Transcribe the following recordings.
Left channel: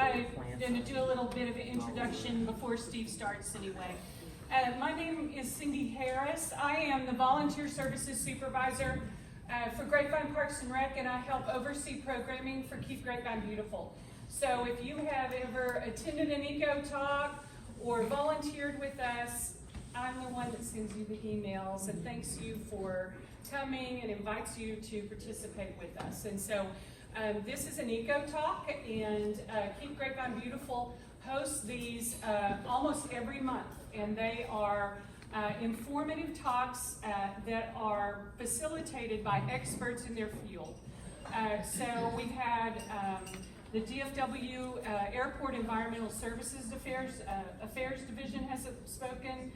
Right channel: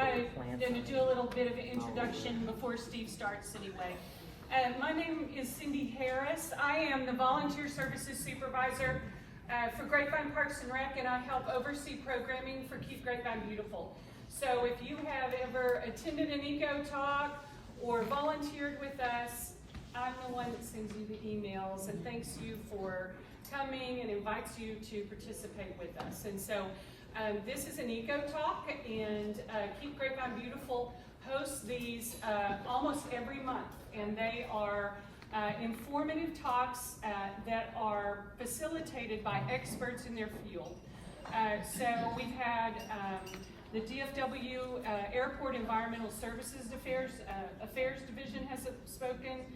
I'm going to do a little bit of an introduction before Steve starts anyway. My name is Cindy Harris. I am the Volunteer Services Supervisor for Grapevine Parks and Rec, and I help oversee programming for Keep Grapevine Beautiful. So if you have ever attended an eco talk or volunteered with us, I'm the one that sends you the emails and thanks you for coming and invites you to participate with us. And so this is an eco talk, and Keep Grapevine Beautiful hosts these almost every month, and they are informative talks that are facilitated by experts in their field. So we've had the DFW Airport Environmental Services Affairs Division has spoken.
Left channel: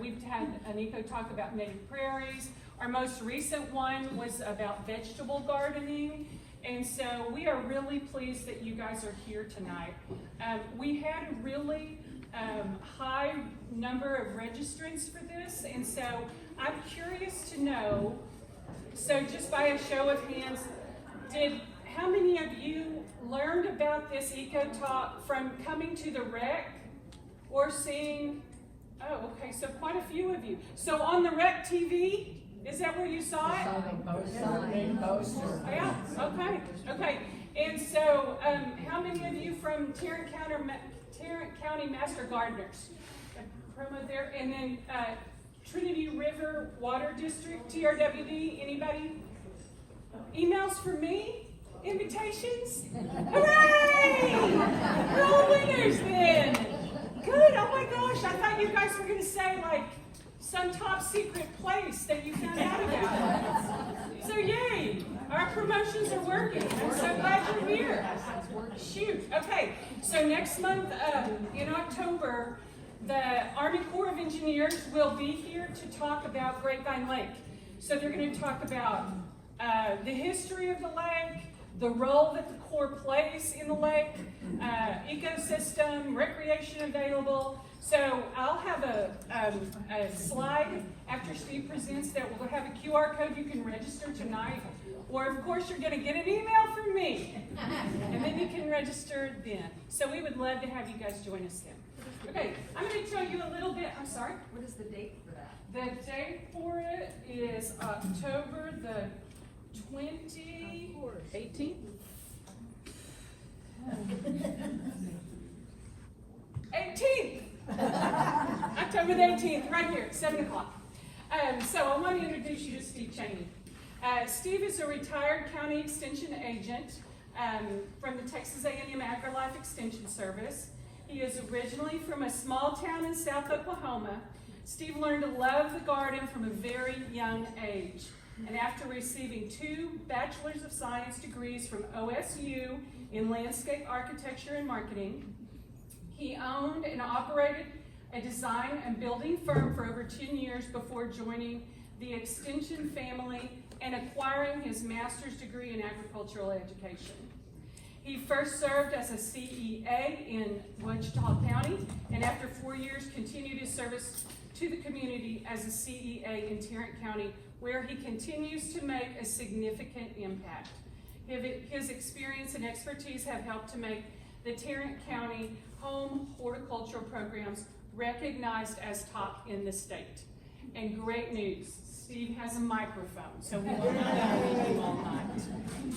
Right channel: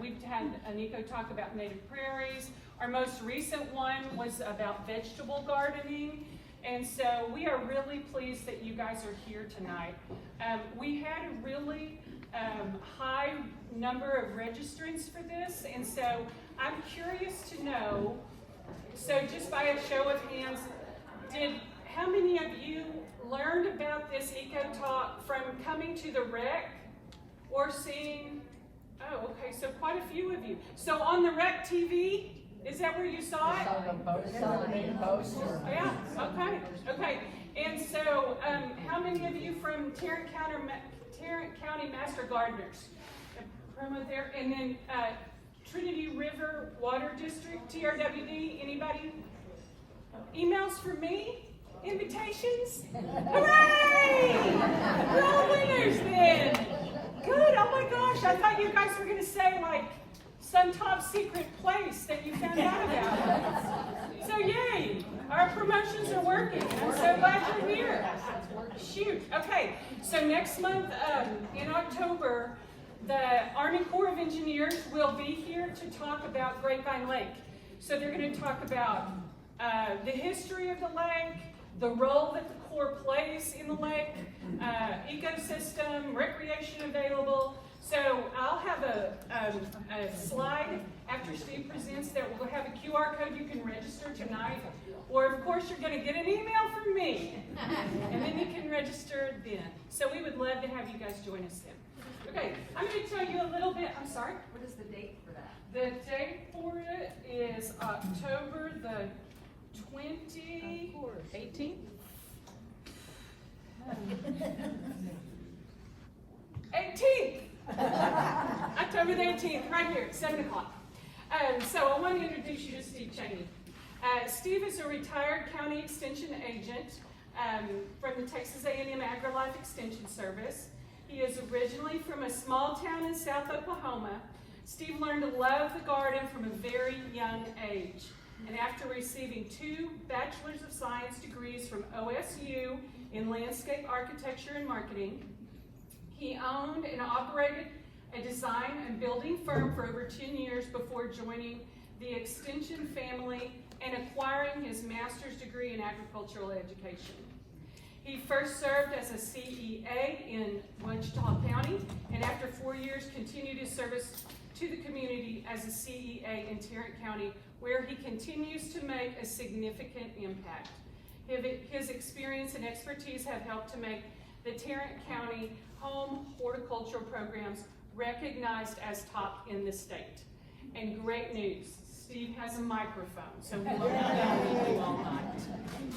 We've had an eco talk about native prairies. Our most recent one was about vegetable gardening. And so we are really pleased that you guys are here tonight. We had a really high number of registrants for this, and so I'm curious to know, so just by a show of hands, how many of you learned about this eco talk from coming to the rec or seeing, oh, okay, so quite a few of you. So on the rec TV, is that where you saw it? Yeah, okay. And so how many of you from Tarrant County Master Gardeners? A promo there. And then Trinity River Water District, TRWD, anybody? Emails for me? Invitations? Hooray! We're all winners then. Good, oh my gosh, I thought you guys were gonna say like some top secret place that you found out about. So yay, our promotions are working. I'm so glad you're here. Shoot, okay, so next month in October, the Army Corps of Engineers will be here to talk about Grapevine Lake. So they're going to talk about the history of the lake, the role that the Corps plays in the lake, ecosystem, recreation available. So I'll have a slide after Steve presents that will have a QR code you can register tonight. Or of course you're going to get an email from me. And then you can register then. So we would love to have you guys join us then. Okay, I'm going to tell you a little bit. I'm sorry? What is the date for that? The date for it is October the 18th? 18th! October the 18th, right here at 7 o'clock. So I want to introduce you to Steve Chaney. Steve is a retired county extension agent from the Texas A&M AgriLife Extension Service. He is originally from a small town in South Oklahoma. Steve learned to love the garden from a very young age. And after receiving 2 Bachelor's of Science degrees from OSU in landscape architecture and marketing, he owned and operated a design and building firm for over 10 years before joining the Extension family and acquiring his master's degree in agricultural education. He first served as a CEA in Wichita County, and after 4 years continued his service to the community as a CEA in Tarrant County, where he continues to make a significant impact. His experience and expertise have helped to make the Tarrant County home horticultural programs recognized as top in the state. And great news, Steve has a microphone, so we won't have you all night.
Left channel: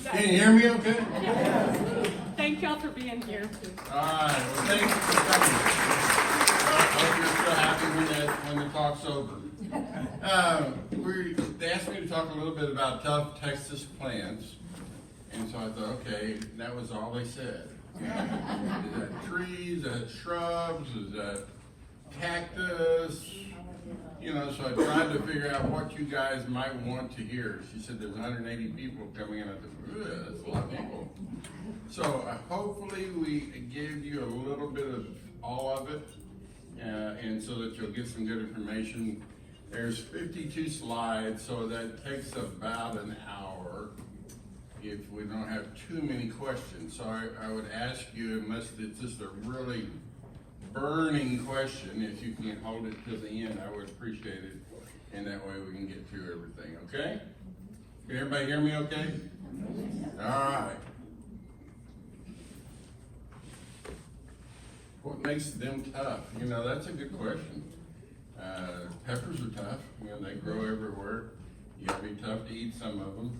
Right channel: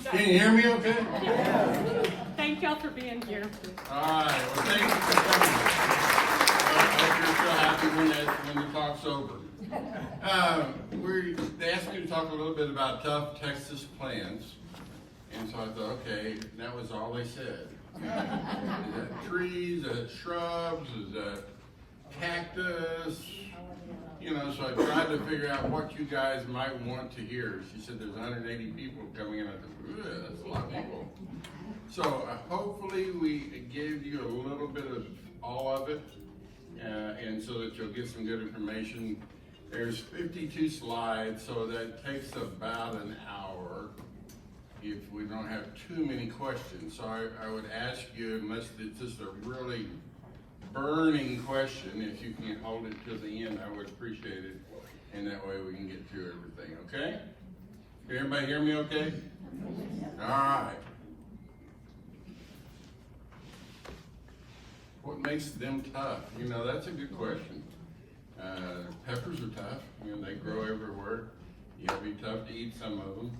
So, can you hear me okay? Yeah. Thank y'all for being here. All right, well thank you for coming. I hope you're still happy when the talk's over. They asked me to talk a little bit about tough Texas plants, and so I thought, okay, that was all they said. Is that trees, is that shrubs, is that cactus? You know, so I tried to figure out what you guys might want to hear. She said there's 180 people coming in. I thought, that's a lot of people. So hopefully we gave you a little bit of all of it, and so that you'll get some good information. There's 52 slides, so that takes about an hour if we don't have too many questions. So I would ask you, unless it's just a really burning question, if you can hold it to the end, I would appreciate it. And that way we can get through everything, okay? Can everybody hear me okay? All right. What makes them tough? You know, that's a good question. Peppers are tough. You know, they grow everywhere. You gotta be tough to eat some of them.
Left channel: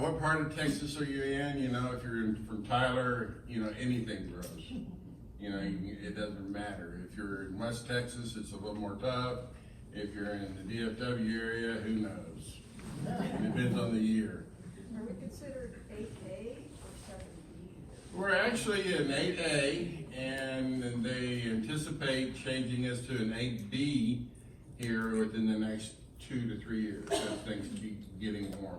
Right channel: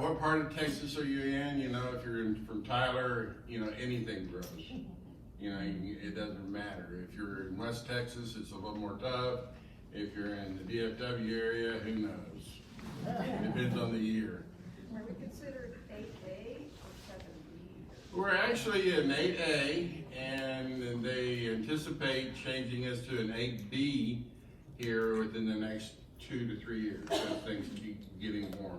What part of Texas are you in? You know, if you're from Tyler, you know, anything grows. You know, it doesn't matter. If you're in West Texas, it's a little more tough. If you're in the DFW area, who knows? Depends on the year. Are we considered 8A or 7B? We're actually an 8A, and they anticipate changing us to an 8B here within the next 2 to 3 years as things keep getting warmer.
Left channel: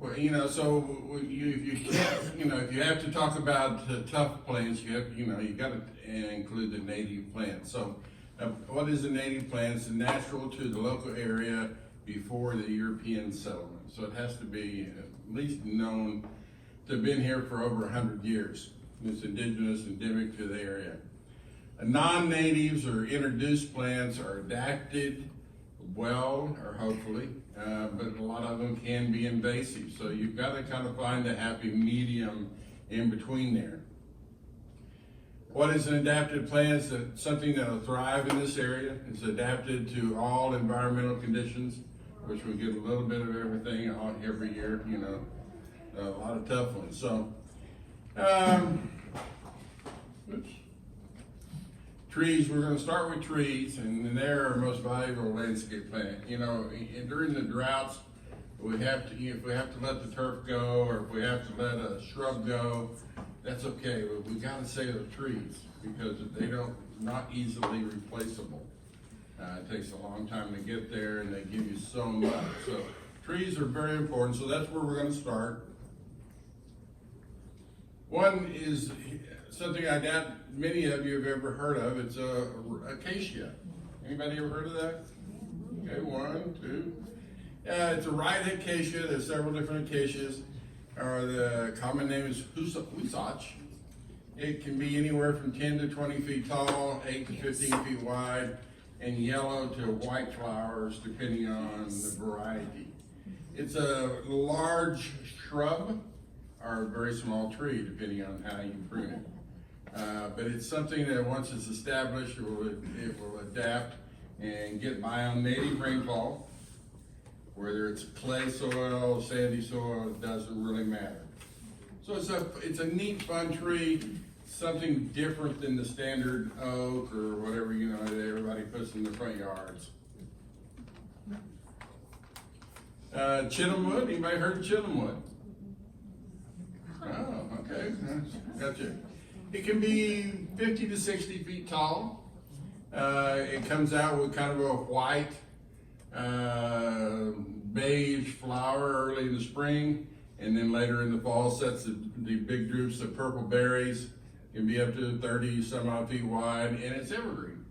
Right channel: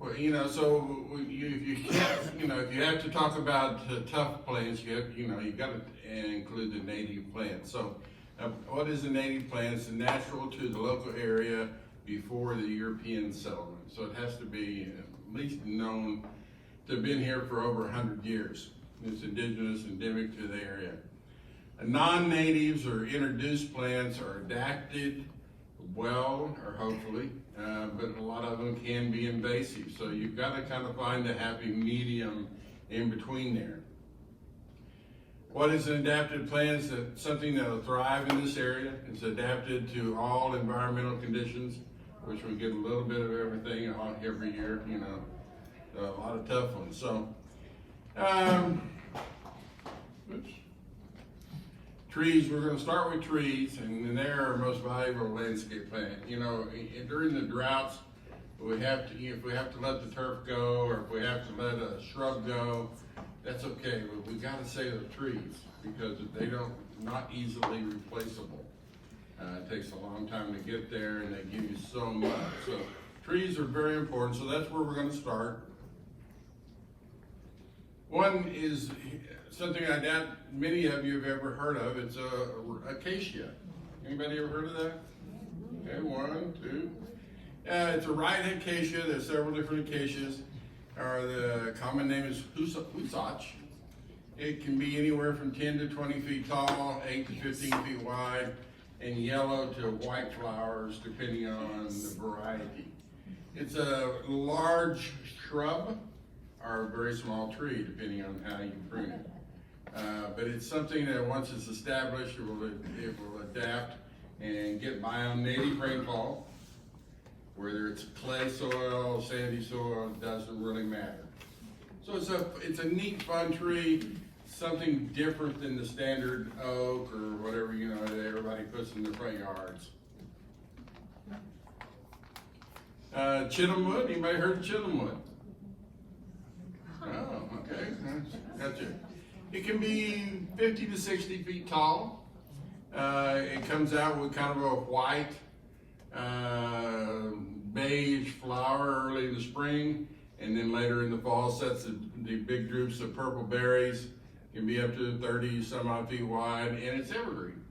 Well, you know, so you can't, you know, if you have to talk about tough plants, you have, you know, you got to include the native plants. So, what is a native plant? It's natural to the local area before the European settlement. So it has to be at least known to have been here for over 100 years. It's indigenous, endemic to the area. Non-natives or introduced plants are adapted well, or hopefully, but a lot of them can be invasive. So you've got to kind of find a happy medium in between there. What is an adapted plant? It's something that will thrive in this area. It's adapted to all environmental conditions, which we get a little bit of everything every year, you know, a lot of tough ones. So, trees, we're going to start with trees, and they're our most valuable landscape plant. You know, during the droughts, we have to, if we have to let the turf go, or if we have to let a shrub go, that's okay, but we got to save the trees because they don't, not easily replaceable. It takes a long time to get there, and they give you so much. So trees are very important, so that's where we're going to start. One is something I doubt many of you have ever heard of. It's acacia. Anybody ever heard of that? Okay, 1, 2. It's a right acacia. There's several different acacias. The common name is husach. It can be anywhere from 10 to 20 feet tall, 8 to 15 feet wide, and yellow to white flowers depending on the variety. It's a large shrub or a very small tree depending on how you prune it. But it's something that once it's established, it will adapt and get by on native rainfall. Whether it's clay soil, sandy soil, it doesn't really matter. So it's a neat, fun tree, something different than the standard oak or whatever, you know, that everybody puts in their front yards. Chittlewood, anybody heard of chittlewood? Oh, okay, gotcha. It can be 50 to 60 feet tall. It comes out with kind of a white, beige flower early in the spring, and then later in the fall sets the big drupes of purple berries. Can be up to 30 some odd feet wide, and it's evergreen.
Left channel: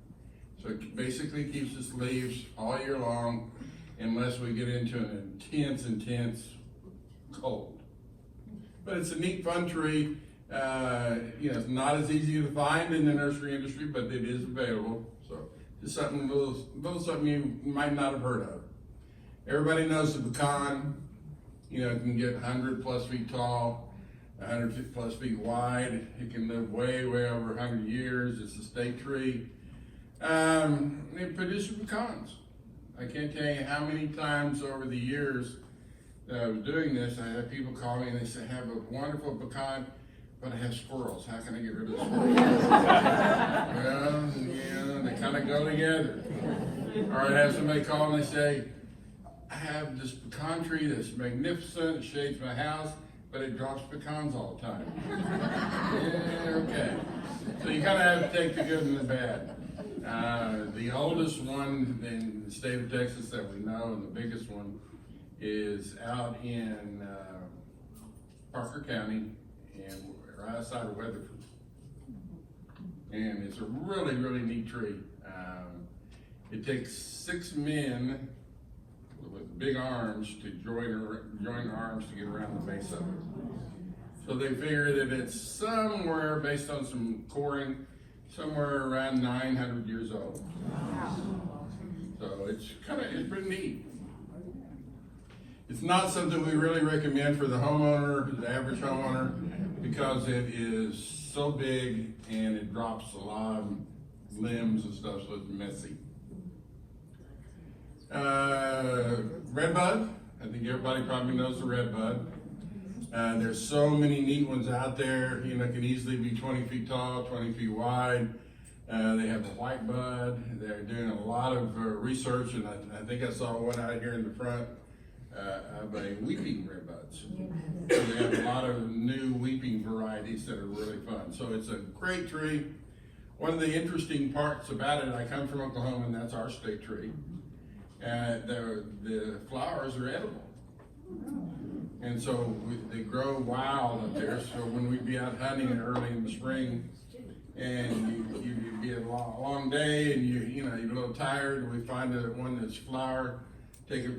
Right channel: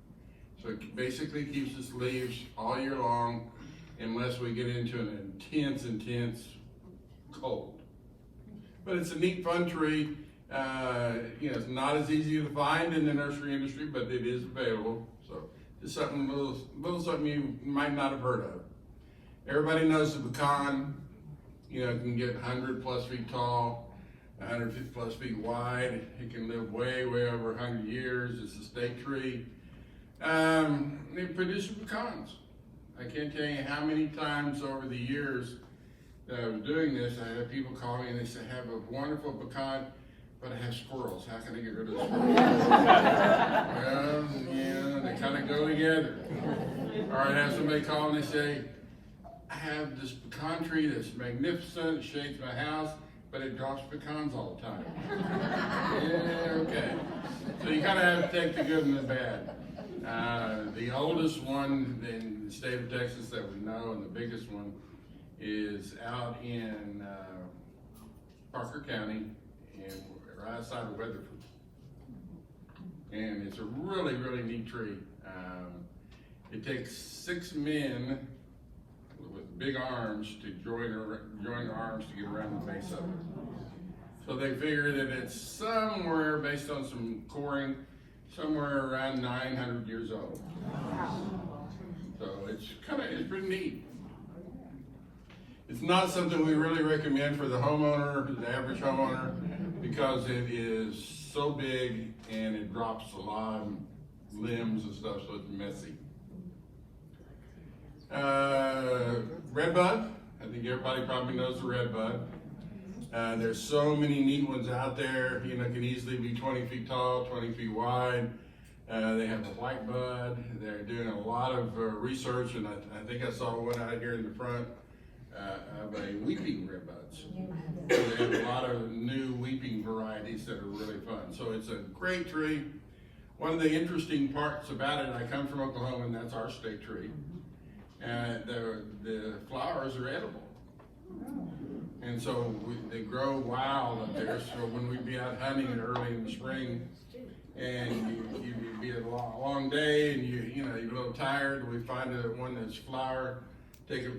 So it basically keeps its leaves all year long unless we get into an intense cold. But it's a neat, fun tree. You know, it's not as easy to find in the nursery industry, but it is available. So just something little something you might not have heard of. Everybody knows the pecan. You know, it can get 100 plus feet tall, 150 plus feet wide. It can live way over 100 years. It's a state tree. It produces pecans. I can't tell you how many times over the years that I was doing this, I had people call me and they say, I have a wonderful pecan, but I have squirrels. How can I get rid of the squirrels? Well, you know, they kind of go together. Or I have somebody call and they say, I have this pecan tree that's magnificent, it shades my house, but it drops pecans all the time. Yeah, okay. So you kind of have to take the good and the bad. The oldest one in the state of Texas that we know, and the biggest one, is out in Parker County, and right outside of Weatherford. And it's a really neat tree. It takes 6 men with big arms to join their arms to get around the base of it. So they figure that it's somewhere, based on some coring, somewhere around 900 years old. So it's pretty neat. It's not something we really recommend for the homeowner, the average homeowner, because it is so big and it drops a lot of limbs and stuff, so it's messy. Redbud, I think everybody probably knows the redbud. There's so many neat ones out there, you know, can easily be 20 feet tall, 20 feet wide. They have a white bud. They're doing a lot of research, and I think I saw one out here in the front of a weeping redbuds. So they have a lot of new weeping varieties that are really fun. So it's a great tree. One of the interesting parts about it, I come from Oklahoma, and that's our state tree. The flowers are edible. And so they grow wild up there. So when we be out hunting early in the spring, and you get a long day, and you're a little tired, and we find one that's flowered,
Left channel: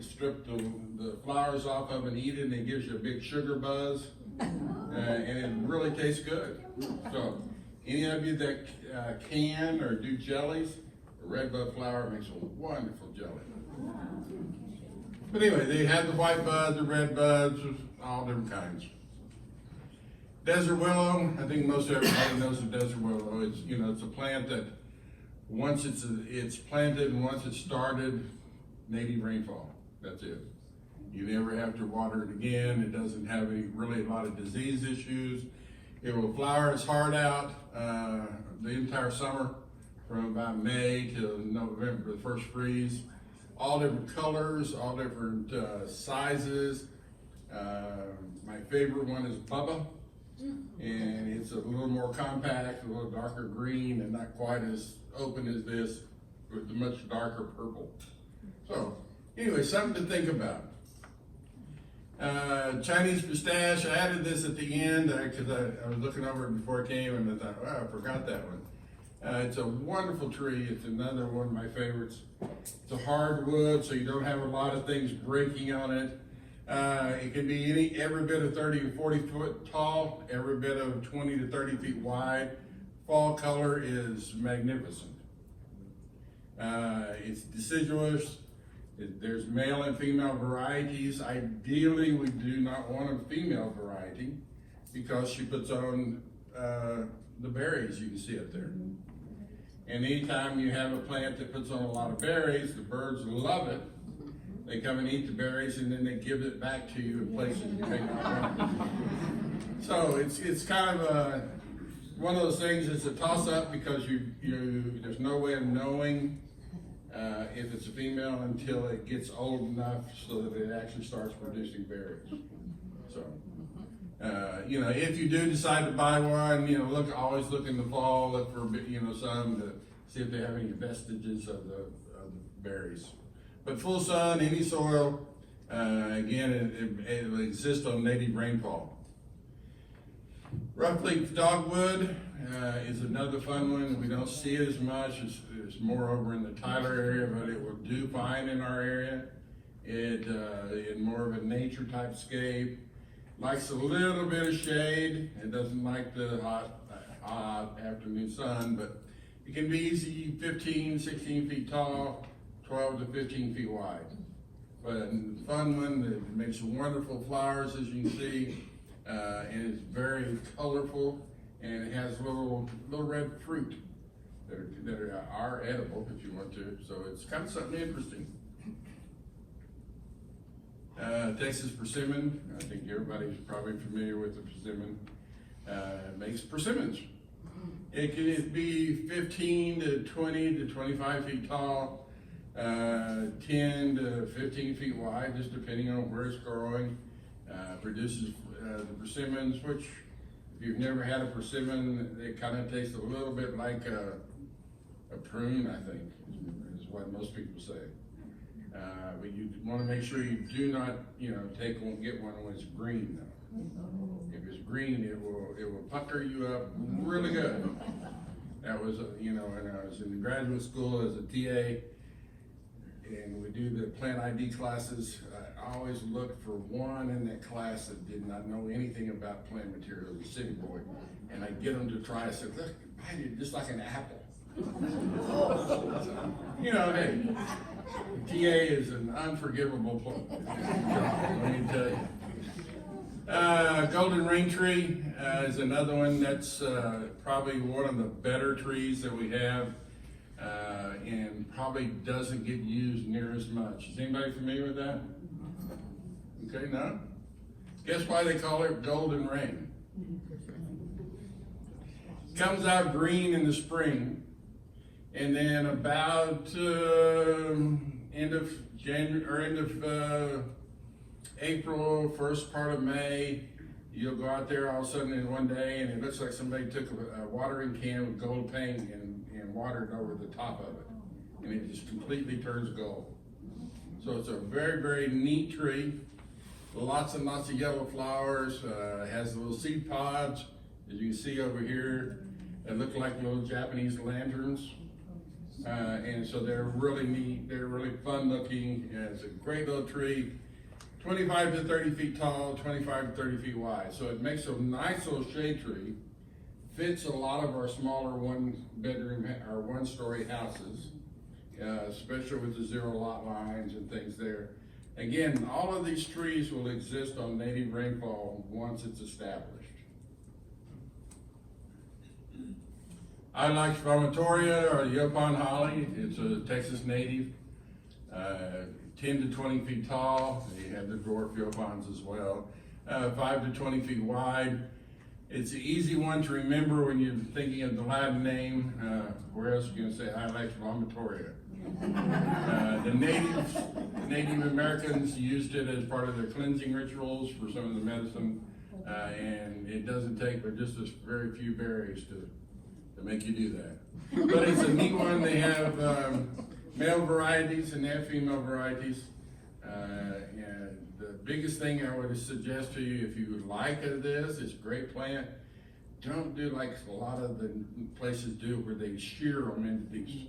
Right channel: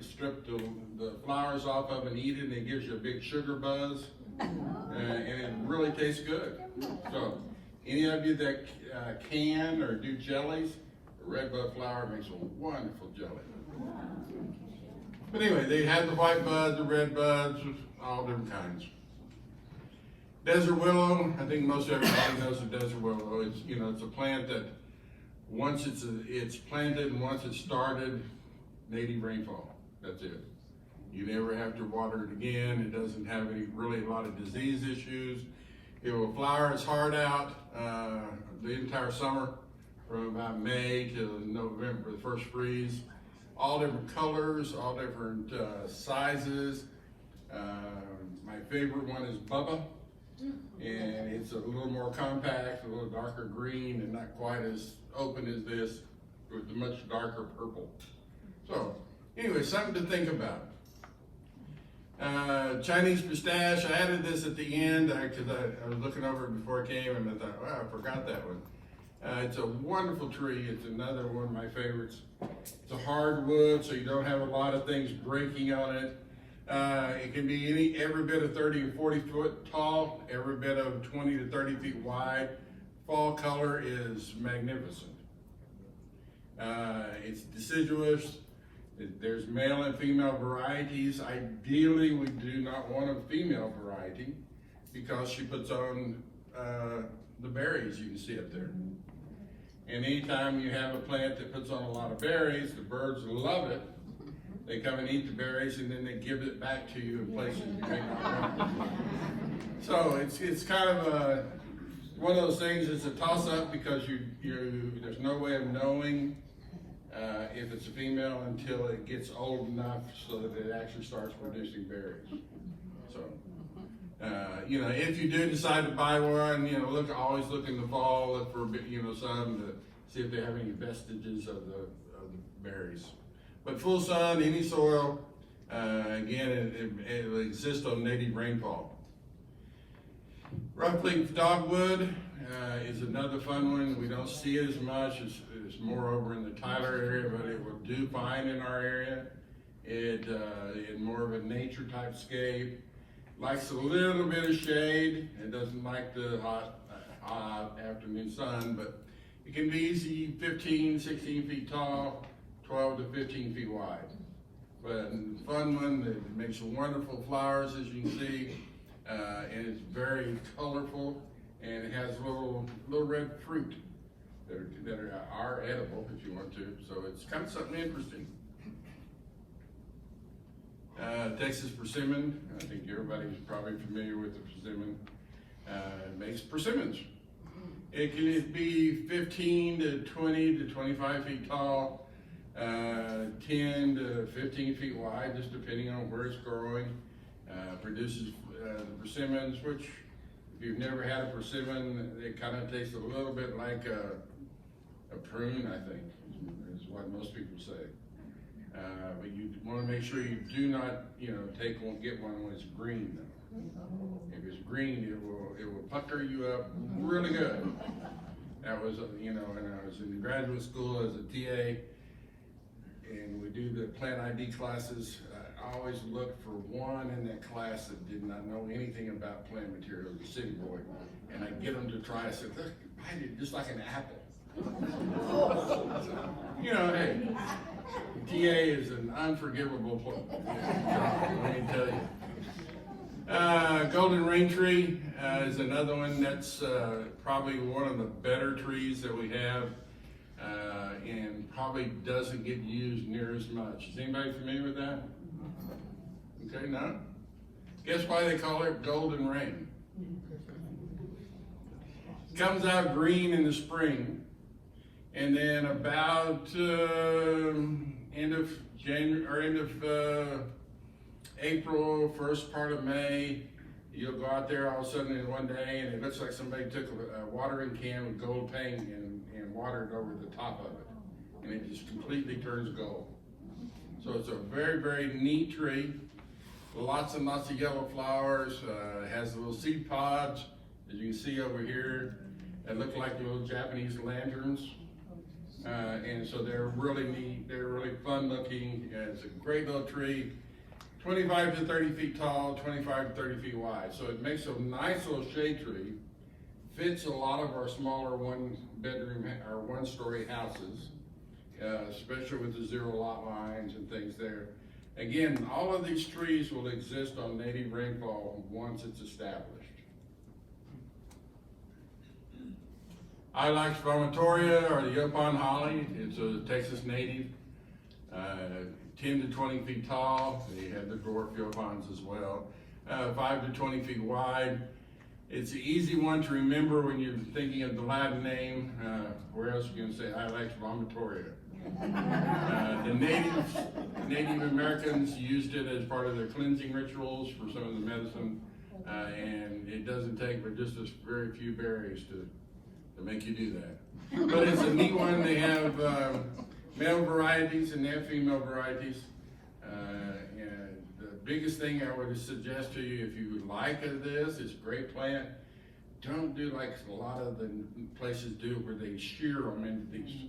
strip the flowers off of and eat it, and it gives you a big sugar buzz, and it really tastes good. So any of you that can or do jellies, a redbud flower makes a wonderful jelly. But anyway, they have the white buds, the red buds, all different kinds. Desert willow, I think most everybody knows the desert willow. It's a plant that once it's planted and once it's started, native rainfall. That's it. You never have to water it again. It doesn't have really a lot of disease issues. It will flower its heart out the entire summer, from about May till November, the first freeze. All different colors, all different sizes. My favorite one is Bubba, and it's a little more compact, a little darker green, and not quite as open as this, with a much darker purple. So, anyway, something to think about. Chinese pistache, I added this at the end because I was looking over it before I came, and I thought, wow, I forgot that one. It's a wonderful tree. It's another one of my favorites. It's a hardwood, so you don't have a lot of things breaking on it. It can be every bit of 30 to 40 foot tall, every bit of 20 to 30 feet wide. Fall color is magnificent. It's deciduous. There's male and female varieties. Ideally, we do not want a female variety because she puts on the berries you can see up there. And anytime you have a plant that puts on a lot of berries, the birds love it. They come and eat the berries, and then they give it back to you in places you may not want. So it's kind of one of those things. It's a toss-up because there's no way of knowing if it's a female until it gets old enough so that it actually starts producing berries. So, if you do decide to buy one, always look in the fall, look for sun to see if they have any vestiges of the berries. But full sun, any soil, again, it will exist on native rainfall. Roughleaf dogwood is another fun one that we don't see as much. It's more over in the Tyler area, but it will do fine in our area. It's more of a nature type scape. Likes a little bit of shade. It doesn't like the hot afternoon sun, but it can be easy 15, 16 feet tall, 12 to 15 feet wide. But a fun one that makes wonderful flowers, as you can see. And it's very colorful, and it has little red fruit that are edible if you want to. So it's kind of something interesting. Texas persimmon, I think everybody's probably familiar with the persimmon. It makes persimmons. It can be 15 to 20 to 25 feet tall, 10 to 15 feet wide, just depending on where it's growing. Produces the persimmons, which if you've never had a persimmon, it kind of tastes a little bit like a prune, I think, is what most people say. But you want to make sure you do not, get one when it's green, though. If it's green, it will pucker you up really good. That was, when I was in graduate school as a TA, and we do the plant ID classes, I always looked for one in that class that did not know anything about plant materials, a city boy, and I'd get them to try. I said, look, I did just like an apple. Hey, TA is an unforgivable job, let me tell you. Golden rain tree is another one that's probably one of the better trees that we have, and probably doesn't get used near as much. Is anybody familiar with that? Okay, no? Guess why they call it golden rain? Comes out green in the spring, and then about end of January or end of April, first part of May, you'll go out there all of a sudden in one day, and it looks like somebody took a watering can with gold paint and watered over the top of it, and it just completely turns gold. So it's a very, very neat tree. Lots and lots of yellow flowers. Has little seed pods, as you can see over here. They look like little Japanese lanterns. And so they're really neat. They're really fun looking. And it's a great little tree. 25 to 30 feet tall, 25 to 30 feet wide. So it makes a nice little shade tree. Fits a lot of our smaller one bedroom or one story houses, especially with the zero lot lines and things there. Again, all of these trees will exist on native rainfall once it's established. Ilex vomitoria, or the Yopon holly. It's a Texas native, 10 to 20 feet tall. They have the dwarf Yopons as well, 5 to 20 feet wide. It's an easy one to remember when you're thinking of the Latin name. Where else are you going to say Ilex vomitoria? The Native Americans used it as part of their cleansing rituals for some of the medicine, and it doesn't take but just as very few berries to make you do that. But it's a neat one. They have male varieties and they have female varieties. And the biggest thing I would suggest to you, if you would like this, it's a great plant. Don't do like a lot of the places do where they shear them into these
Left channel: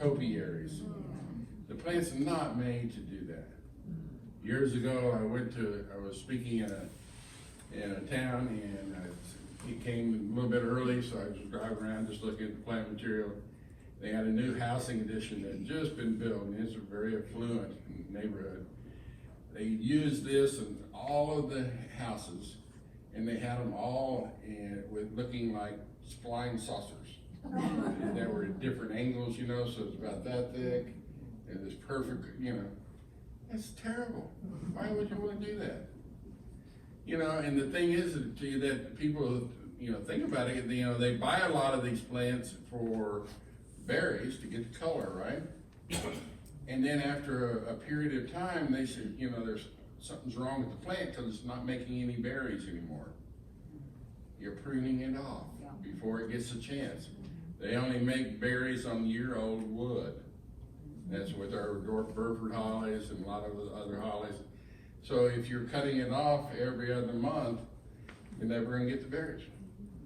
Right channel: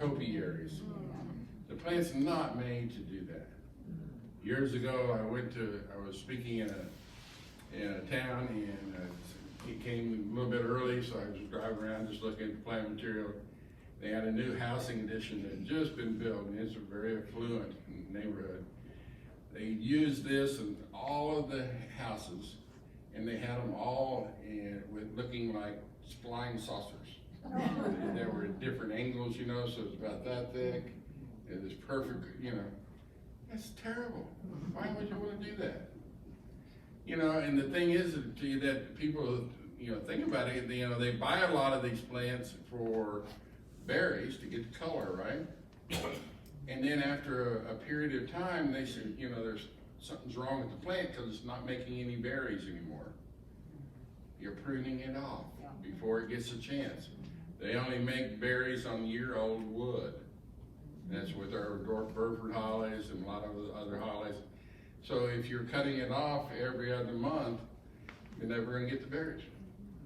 topiaries. The plant's not made to do that. Years ago, I was speaking in a town, and it came a little bit early, so I was driving around just looking at the plant material. They had a new housing addition that had just been built, and it's a very affluent neighborhood. They used this in all of the houses, and they had them all with looking like flying saucers. There were different angles, so it's about that thick, and it's perfect, That's terrible. Why would you want to do that? And the thing is that people, think about it, they buy a lot of these plants for berries to get the color, right? And then after a period of time, they say, there's something's wrong with the plant because it's not making any berries anymore. You're pruning it off before it gets a chance. They only make berries on year-old wood. That's with our dwarf Burford hollies and a lot of the other hollies. So if you're cutting it off every other month, you're never going to get the berries.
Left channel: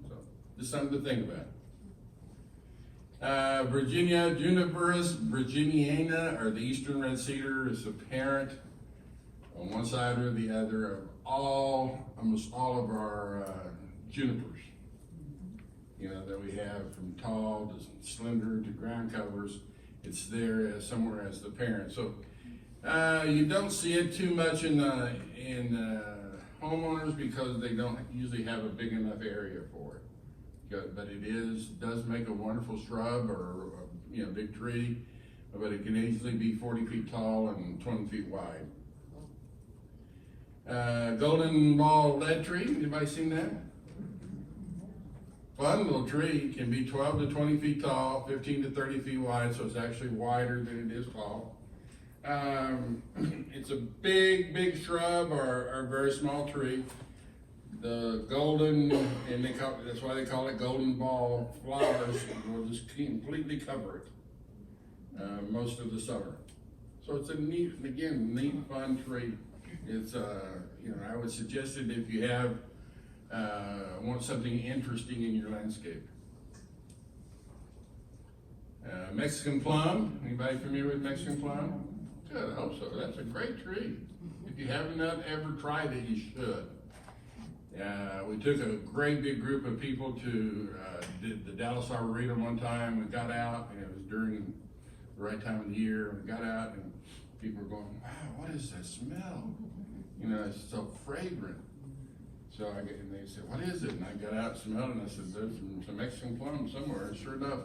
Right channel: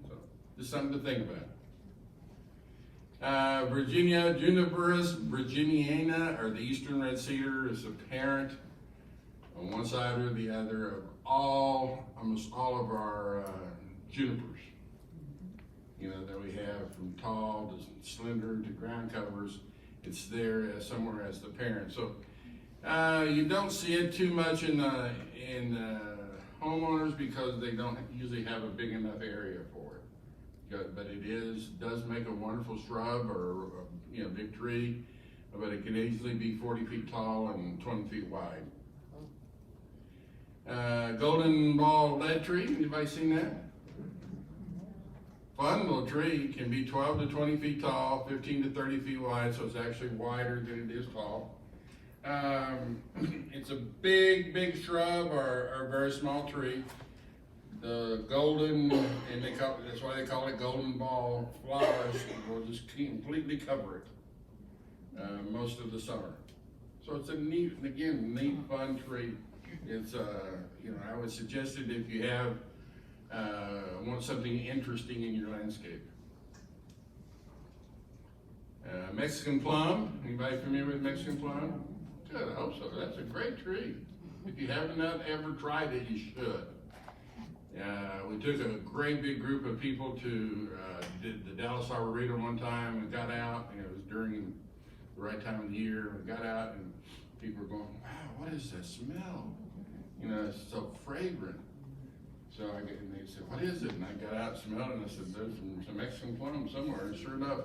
So just something to think about. Virginia Juniperus virginiana, or the eastern red cedar, is the parent on one side or the other of almost all of our junipers. That we have from tall to slender to ground covers. It's there somewhere as the parent. So you don't see it too much in homeowners because they don't usually have a big enough area for it. But it does make a wonderful shrub or big tree. But it can easily be 40 feet tall and 20 feet wide. Golden ball lead tree. Anybody seen that? Fun little tree. Can be 12 to 20 feet tall, 15 to 30 feet wide, so it's actually wider than it is tall. It's a big shrub or a very small tree. The golden, and that's why they call it golden ball flowers, will just completely cover it most of the summer. So it's a neat, fun tree. It's I would suggest it if you want something interesting in your landscape. Mexican plum. Anybody familiar with Mexican plum? Good, I hope so. That's a great tree. If you haven't ever tried it, you should. We took a great big group of people to did the Dallas Arboretum one time and got out, and it was during the right time of the year. We got out and people were going, wow, what is that smell? It's so fragrant. So and they said, what is it? And I got out and smelled it, and I said, there's some Mexican plum somewhere. And sure enough,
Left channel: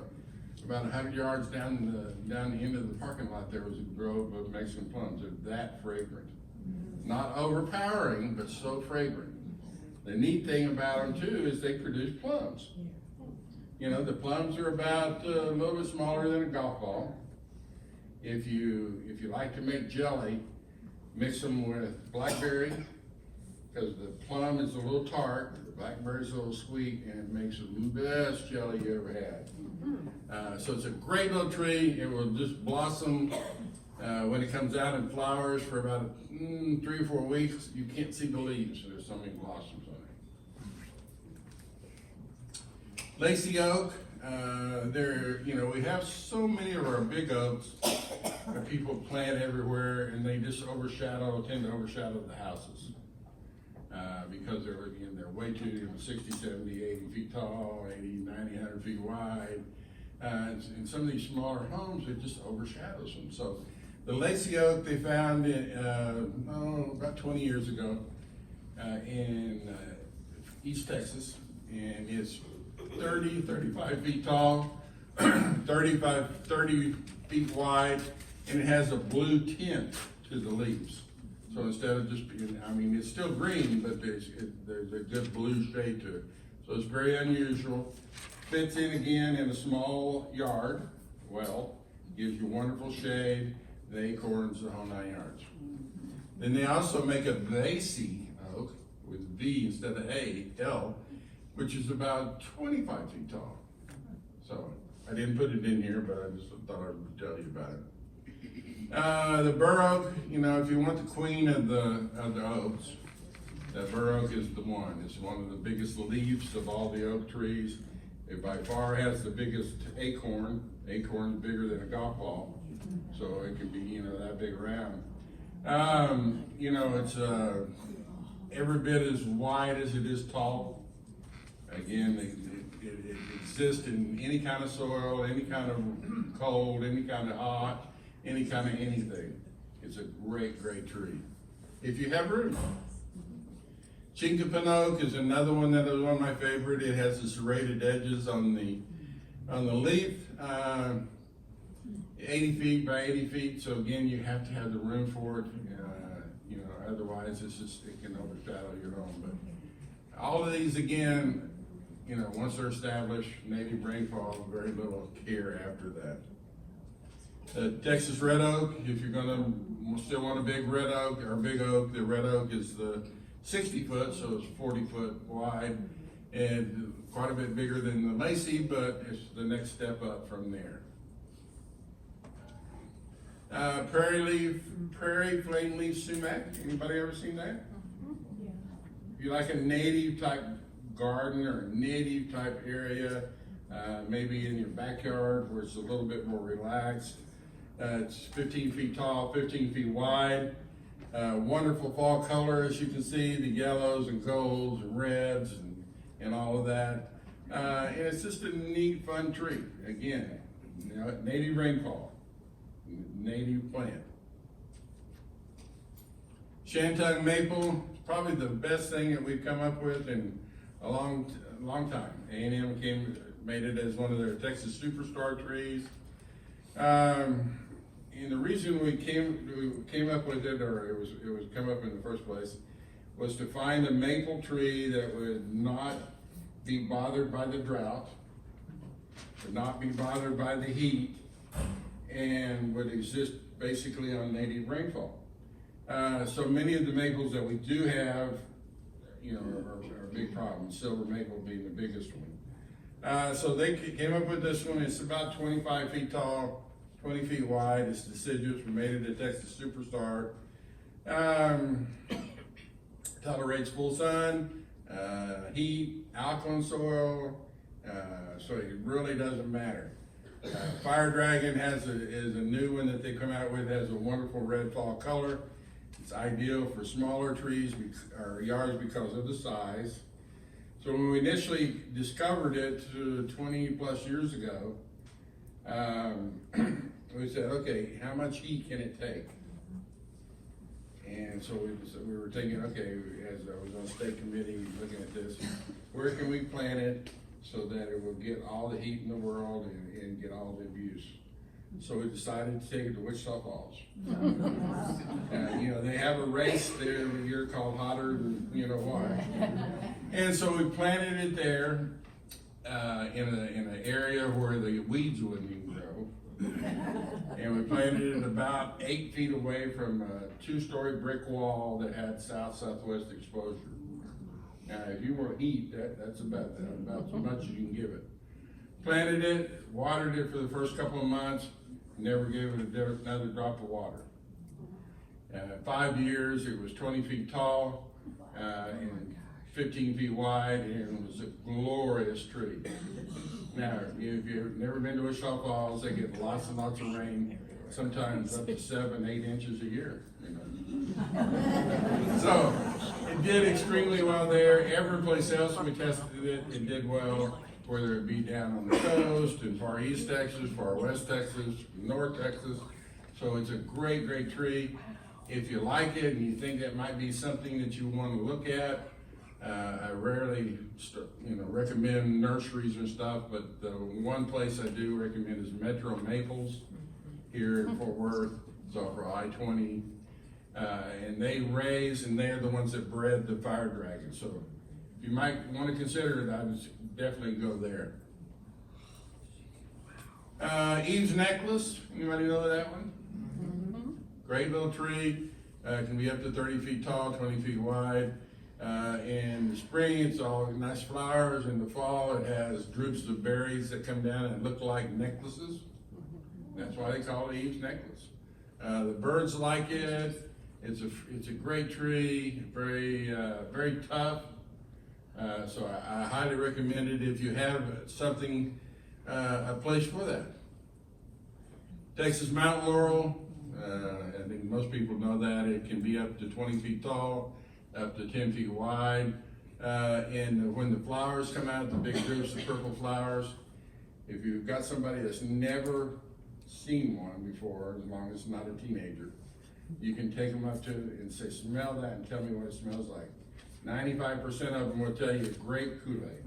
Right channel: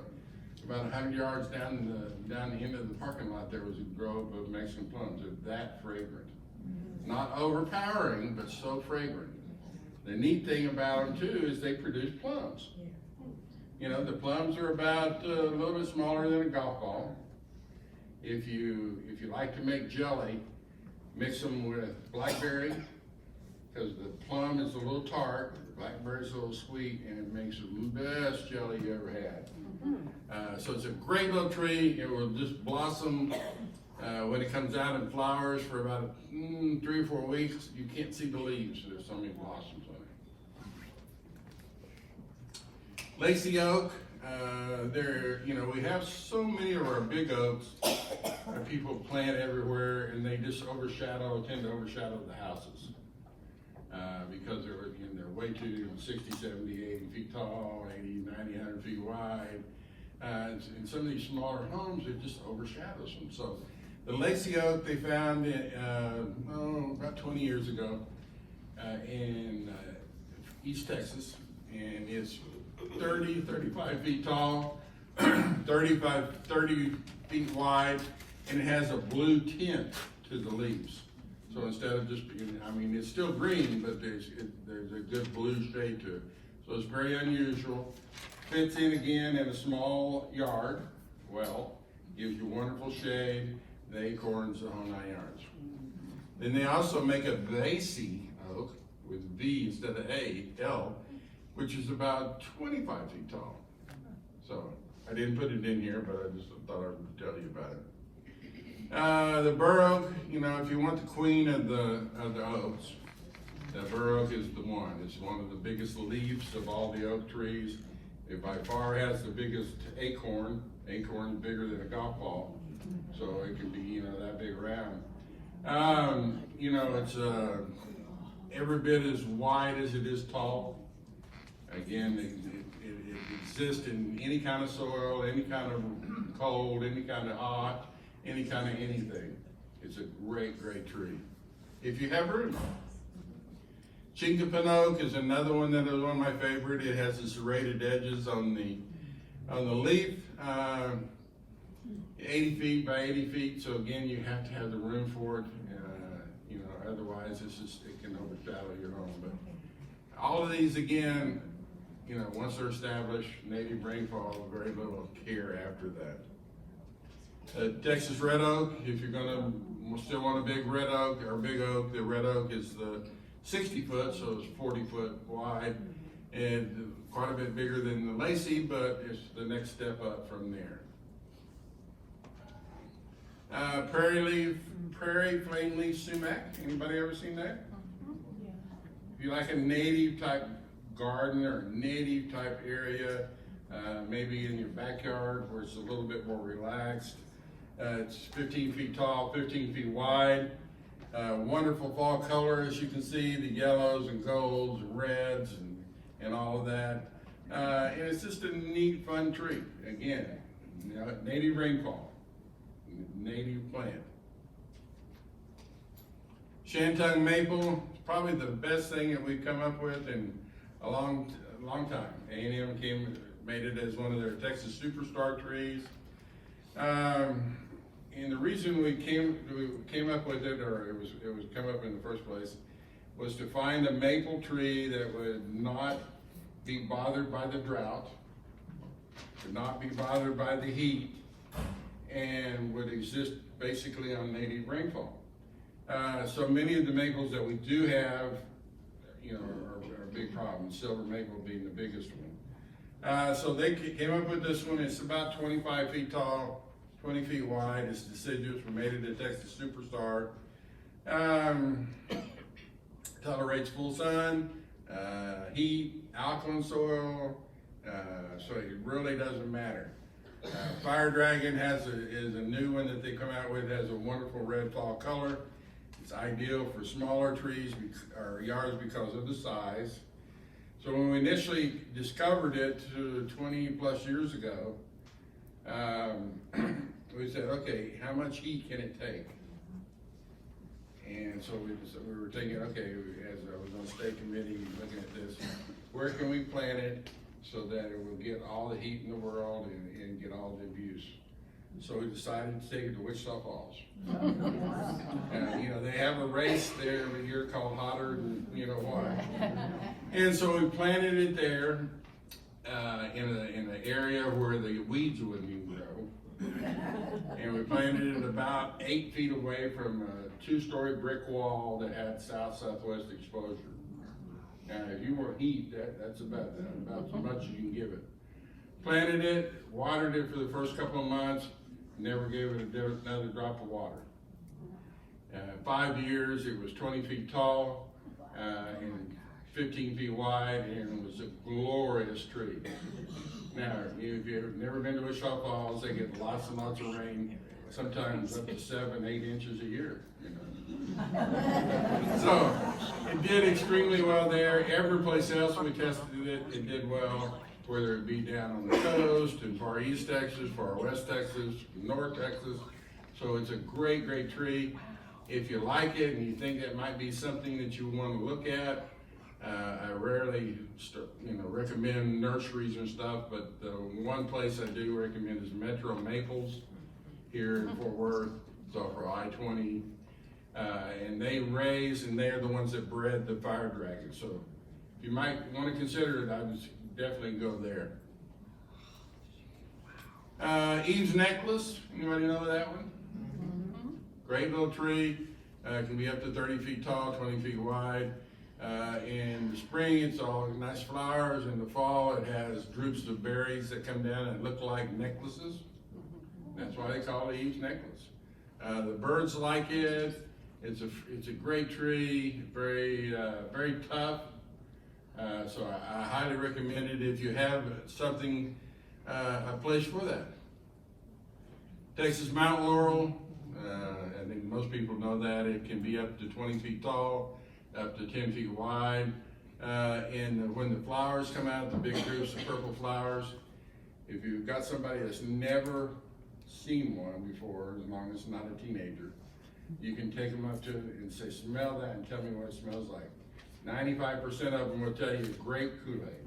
about 100 yards down the end of the parking lot, there was a grove of Mexican plums. They're that fragrant. Not overpowering, but so fragrant. The neat thing about them too is they produce plums. You know, the plums are about a little bit smaller than a golf ball. If you like to make jelly, mix them with blackberry, because the plum is a little tart, the blackberry is a little sweet, and it makes the best jelly you ever had. So it's a great little tree. It will just blossom when it comes out in flowers for about 3 or 4 weeks. You can't see the leaves. There's so many blossoms on it. Lacy oak. We have so many of our big oaks that people plant everywhere, and they just tend to overshadow the houses because they're way too 60, 70, 80 feet tall, 80, 90, 100 feet wide. And some of these smaller homes, it just overshadows them. So the lacy oak they found about 20 years ago in East Texas, and it's 30, 35 feet tall, 30 feet wide, and it has a blue tint to the leaves. So instead of just, it's still green, but there's a good blue shade to it. So it's very unusual. Fits in again in a small yard. Well, gives you wonderful shade, the acorns, the whole 9 yards. Then they also make a lacy oak with V instead of L, which is about 25 feet tall. So I didn't put it in here, but I just thought I would tell you about it. The bur oak, if you want the queen of the oaks, that bur oak is the one. It's one of the biggest leaves of all the oak trees. It by far has the biggest acorn. Acorn's bigger than a golf ball, so it can be that big around. It's every bit as wide as it is tall. Again, it exists in any kind of soil, any kind of cold, any kind of hot, any kind of anything. It's a great, great tree if you have room. Chinkapin oak is another one that is one of my favorite. It has the serrated edges on the leaf, 80 feet by 80 feet. So again, you have to have the room for it. Otherwise it can overshadow your home. But all of these again, once they're established, native rainfall, very little care after that. Texas red oak, if you're gonna still want a big red oak or big oak, the red oak is the 60 foot, so it's 40 foot wide and quite a bit bigger than the lacy, but it's the next step up from there. Prairie flame leaf sumac. Anybody ever seen that? If you like a native type garden or native type area, maybe in your backyard where it's a little bit more relaxed. It's 15 feet tall, 15 feet wide. Wonderful fall color, as you can see, the yellows and golds and reds and all of that. And it's just a neat, fun tree. Again, native rainfall, native plant. Shantung maple, probably the best thing that we've come up with in a long time. A&M made it as one of their Texas superstar trees. And the reason we came up with it, or it was come up in the first place, was to find a maple tree that would not be bothered by the drought, would not be bothered by the heat, and would exist basically on native rainfall. So many of the maples that we do have, are a big problem. Silver maple being the biggest one. So they came up with this one. It's about 25 feet tall, 20 feet wide. It's deciduous. We made it a Texas superstar. Tolerates full sun, heat, alkaline soil, so it really doesn't matter. Fire Dragon is a new one that they come out with. Has a wonderful red fall color. It's ideal for smaller trees or yards because of the size. So when we initially discovered it 20 plus years ago, we said, okay, how much heat can it take? And so we were thinking, okay, as I was on state committee looking at this, where can we plant it so that it will get all the heat in the world and get all the abuse? So we decided to take it to Wichita Falls. You know, they have a race there every year called Hotter Than You Know Why. And so we planted it there in an area where the weeds wouldn't even grow. And we planted it about 8 feet away from a 2-story brick wall that had south-southwest exposure. Now, if you want heat, that's about as much as you can give it. Planted it, watered it for the first couple of months, never gave it another drop of water. 5 years, it was 20 feet tall and 15 feet wide, and it was a glorious tree. Now, if you've never been to Wichita Falls, they get lots and lots of rain, sometimes up to 7, 8 inches a year. You know? So it did extremely well there. Every place else we tested it, it did well, whether it be down on the coast, in far east Texas, far west Texas, north Texas. So it's a great, great tree. If you like it and you think that might be something that you want to look at, I rarely, recommend nurseries and stuff, but the one place I do recommend is Metro Maples here in Fort Worth. It's off of I-20, and they raise, and they're the ones that bred the fire dragon. So if you might want to consider it, I would definitely go there. Eve's Necklace, anybody know that one? Great little tree, can be up to 30 feet tall, 20 feet wide. In the spring, it's all nice flowers. In the fall, it has droops of berries that come down and look like necklaces. That's why they call it Eve's Necklace. The birds like it. It's a great tree, very tough. So I highly recommend it if you have something, a place for that. Texas Mountain Laurel, I think most people know that. It can be up to 20 feet tall, up to 10 feet wide. And when the flowers come out, the big droops of purple flowers, if you've got somebody that's never seen one before, as long as it's not a teenager, you can take them up to it and say, smell that and tell me what it smells like. 95% of them will tell you it's grape Kool-Aid.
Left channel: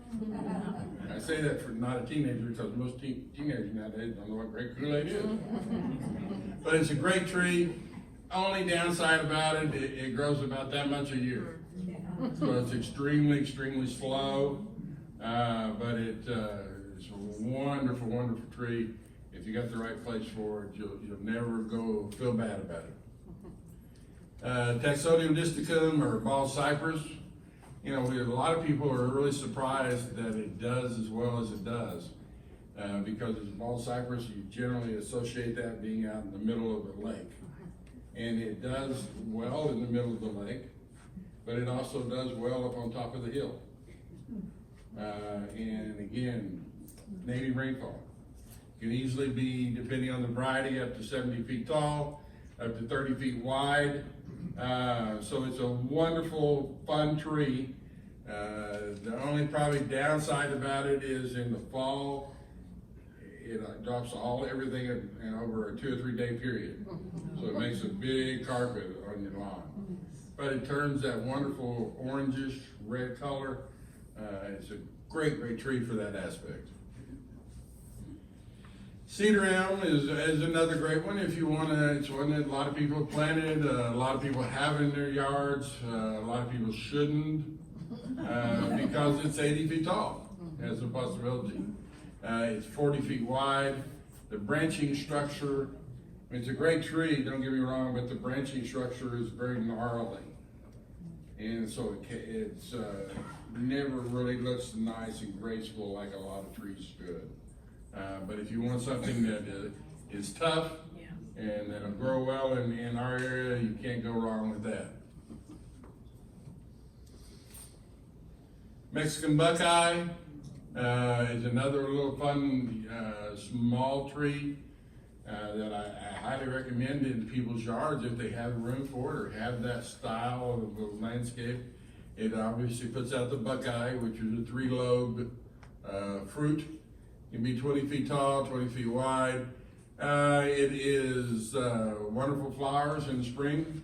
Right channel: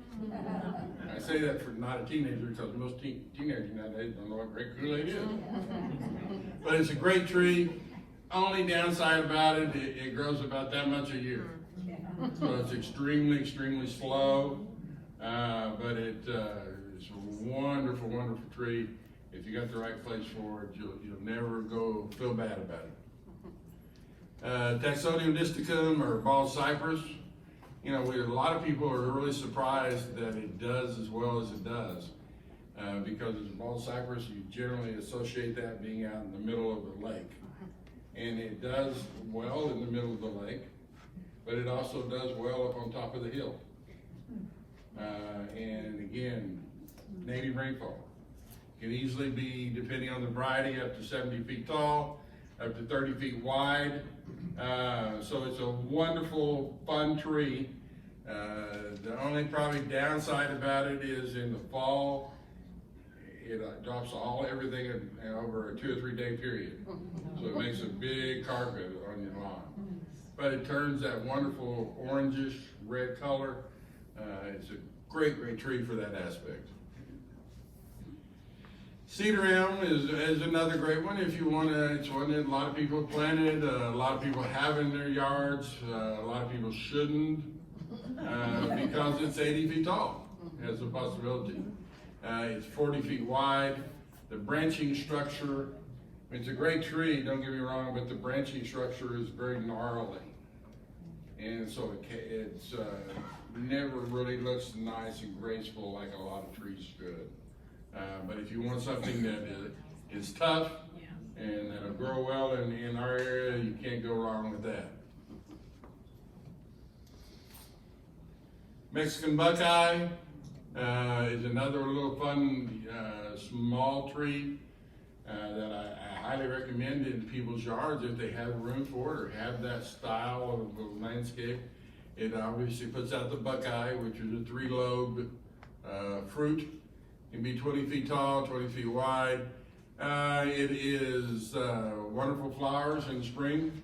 I say that for not a teenager because most teenagers nowadays don't know what grape Kool-Aid is. But it's a great tree. Only downside about it, it grows about that much a year. So it's extremely, extremely slow, but it's a wonderful, wonderful tree. If you got the right place for it, you'll never feel bad about it. Taxodium disticum, or bald cypress. You know, a lot of people are really surprised that it does as well as it does. Because it's bald cypress, you generally associate that being out in the middle of a lake. And it does well in the middle of the lake, but it also does well up on top of the hill. And again, native rainfall. Can easily be, depending on the variety, up to 70 feet tall, up to 30 feet wide. So it's a wonderful, fun tree. The only probably downside about it is in the fall, it drops everything in over a 2 or 3 day period. So it makes a big carpet on your lawn. But it turns that wonderful orangish red color. It's a great, great tree for that aspect. Cedar elm is another great one if you want to. It's one that a lot of people planted, a lot of people have in their yards, a lot of people shouldn't because it's 80 feet tall. That's a possibility. It's 40 feet wide. The branching structure, it's a great tree, don't get me wrong, but the branching structure is very gnarly. And so it's never really looks nice and graceful like a lot of trees should. But if you want something that is tough and that'll grow well in our area, you can't go wrong with that. Mexican buckeye is another little fun small tree that I highly recommend in people's yards if they have room for it or have that style of landscape. It obviously puts out the buckeye, which is a 3-lobed fruit. It can be 20 feet tall, 20 feet wide. It is wonderful flowers in spring.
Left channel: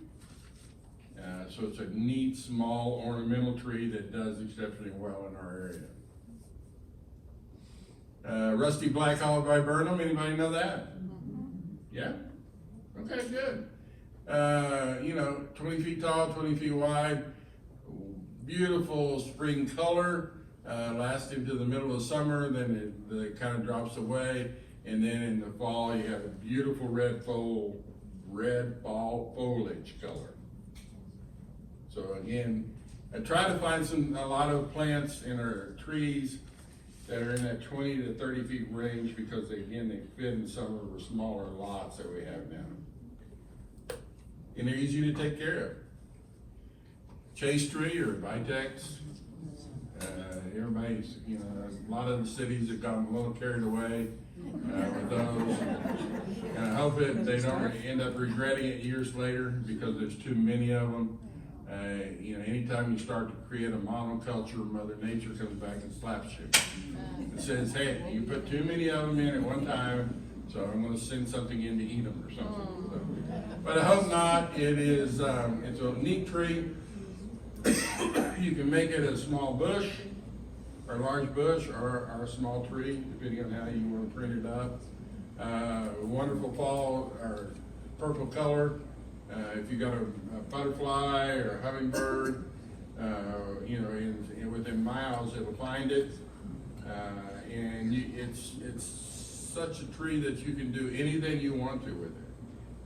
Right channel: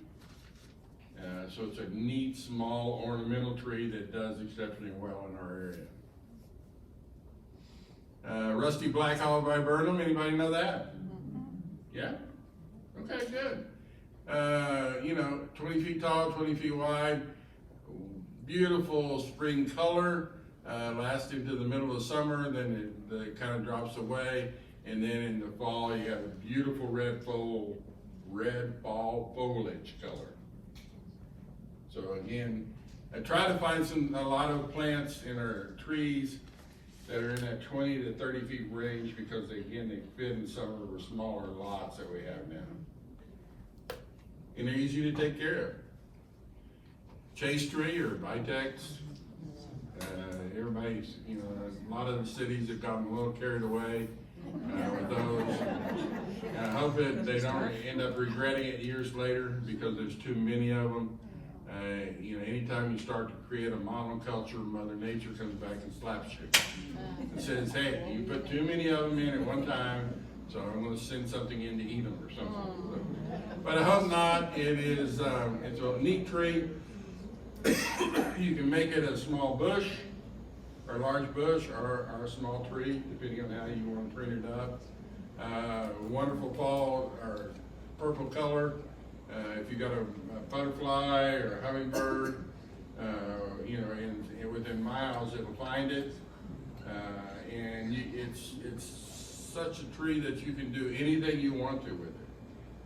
So it's a neat, small ornamental tree that does exceptionally well in our area. Rusty black olive viburnum, anybody know that? Yeah? Okay, good. 20 feet tall, 20 feet wide, beautiful spring color, lasts into the middle of summer, then it kind of drops away, and then in the fall you have a beautiful red fall foliage color. So again, I try to find a lot of plants in our trees that are in that 20 to 30 feet range because they fit in some of the smaller lots that we have now. And they're easy to take care of. Chase tree or vitex. Everybody's, a lot of the cities have gotten a little carried away with those. And I hope that they don't end up regretting it years later because there's too many of them. Anytime you start to create a monoculture, Mother Nature comes back and slaps you. It says, hey, you put too many of them in at one time, so I'm going to send something in to eat them or something. But I hope not. It's a neat tree. You can make it a small bush, or a large bush, or a small tree, depending on how you want to print it up. Wonderful fall or purple color. If you got a butterfly or a hummingbird, within miles, it'll find it. It's such a tree that you can do anything you want to with it.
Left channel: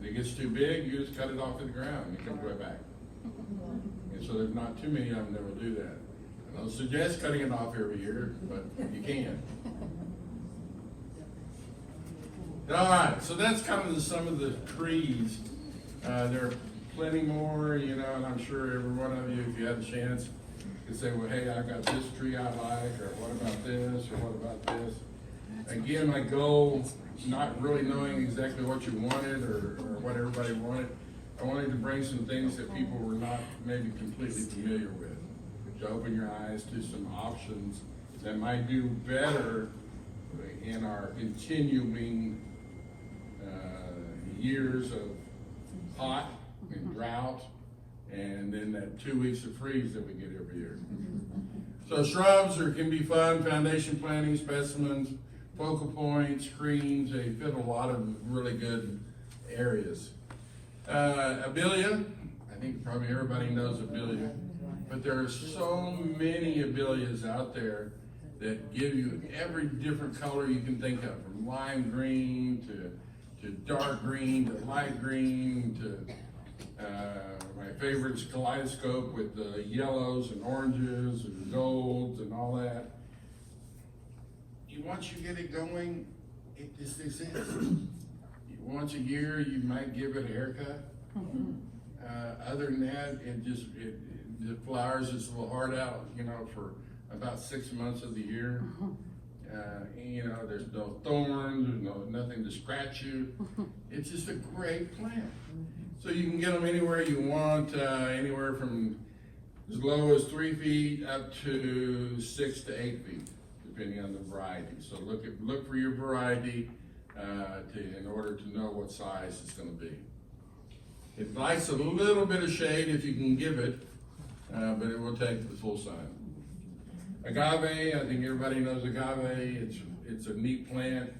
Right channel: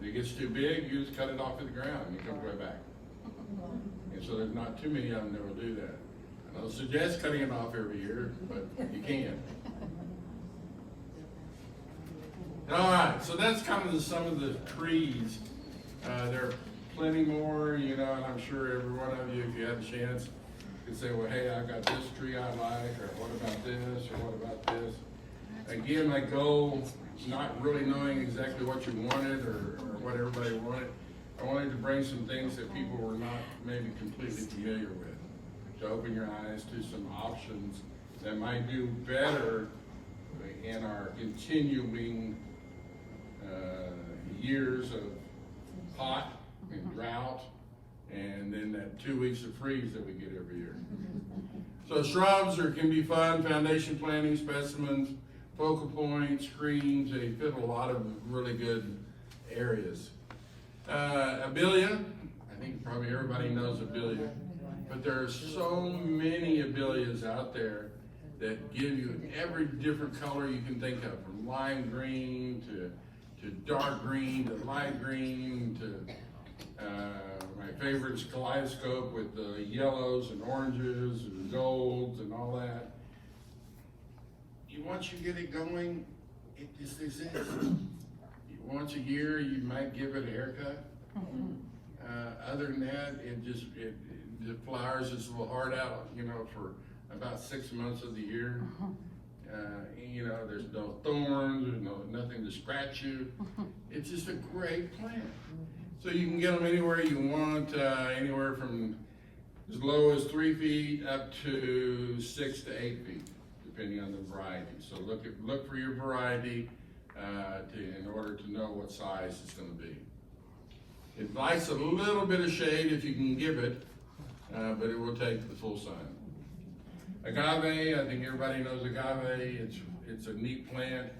If it gets too big, you just cut it off to the ground and it comes right back. And so there's not too many of them that will do that. I don't suggest cutting it off every year, but you can. All right, so that's kind of some of the trees. There are plenty more, and I'm sure every one of you, if you had a chance, could say, well, hey, I got this tree I like, or what about this, or what about this? Again, my goal, not really knowing exactly what you wanted or what everybody wanted, I wanted to bring some things that people were not maybe completely familiar with, to open your eyes to some options that might do better in our continuing years of hot and drought, and then that 2 weeks of freeze that we get every year. So shrubs can be fun, foundation planting, specimens, focal points, screens, they fit a lot of really good areas. Abelia, I think probably everybody knows Abelia, but there are so many Abelias out there that give you every different color you can think of, from lime green to dark green to light green to my favorite is kaleidoscope with the yellows and oranges and golds and all that. Once you get it going, it just exists. Once a year, you might give it a haircut. Other than that, it flowers its little heart out, for about 6 months of the year. There's no thorns, there's nothing to scratch you. It's just a great plant. So you can get them anywhere you want, anywhere from as low as 3 feet up to 6 to 8 feet, depending on the variety. So look for your variety in order to know what size it's going to be. It likes a little bit of shade if you can give it, but it will take the full sun. Agave, I think everybody knows agave. It's a neat plant.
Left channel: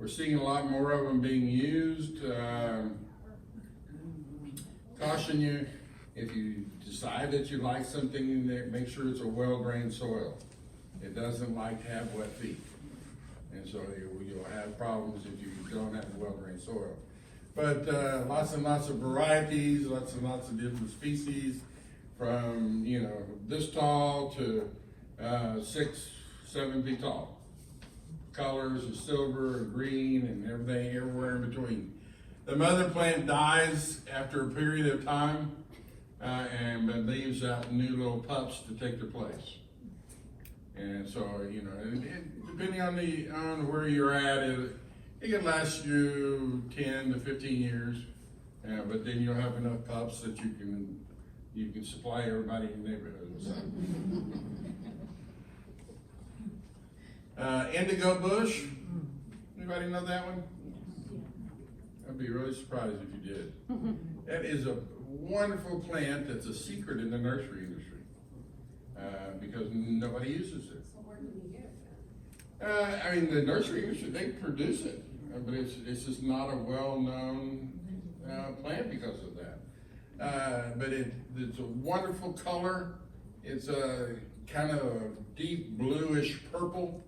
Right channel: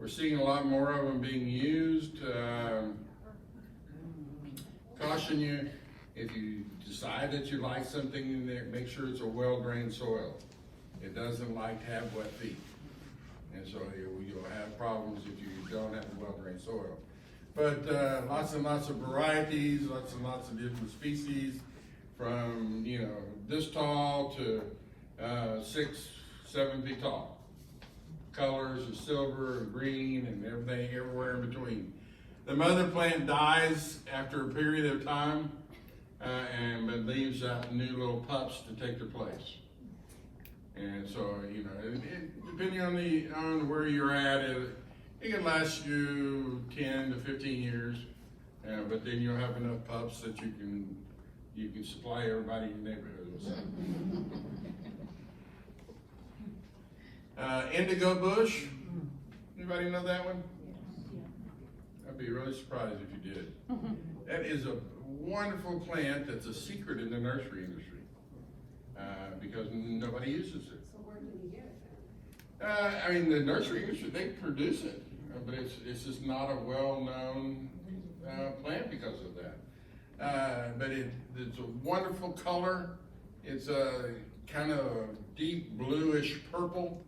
We're seeing a lot more of them being used. Caution you, if you decide that you like something in there, make sure it's a well-drained soil. It doesn't like to have wet feet. And so you'll have problems if you don't have a well-drained soil. But lots and lots of varieties, lots and lots of different species, from this tall to 6, 7 feet tall. Colors of silver and green and everything, everywhere in between. The mother plant dies after a period of time and leaves out new little pups to take their place. And so, depending on where you're at, it can last you 10 to 15 years, but then you'll have enough pups that you can supply everybody in the neighborhood with something. Indigo bush. Anybody know that one? I'd be really surprised if you did. That is a wonderful plant that's a secret in the nursery industry, because nobody uses it. So where do we get it? I mean, the nursery industry, they produce it, but it's just not a well-known plant because of that. But it's a wonderful color. It's a kind of a deep bluish purple.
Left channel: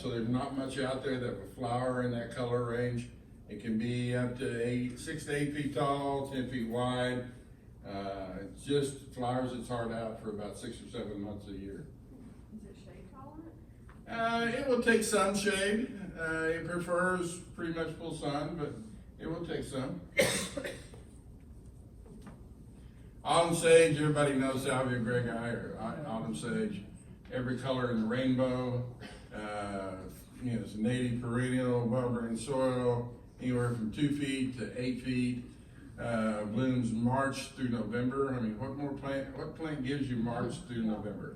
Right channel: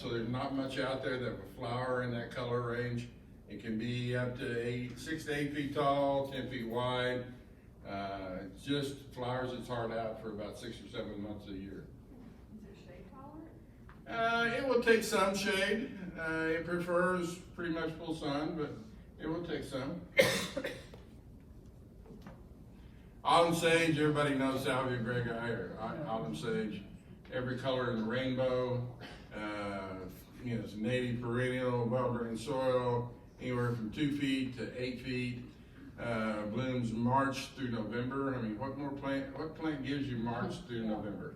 So there's not much out there that will flower in that color range. It can be up to 6 to 8 feet tall, 10 feet wide. It just flowers its heart out for about 6 or 7 months a year. Is it shade tolerant? It will take some shade. It prefers pretty much full sun, but it will take some. Autumn sage, everybody knows Salvia greyi or autumn sage. Every color in the rainbow. It's native perennial, well-drained soil, anywhere from 2 feet to 8 feet. Blooms March through November. I mean, what plant gives you March through November?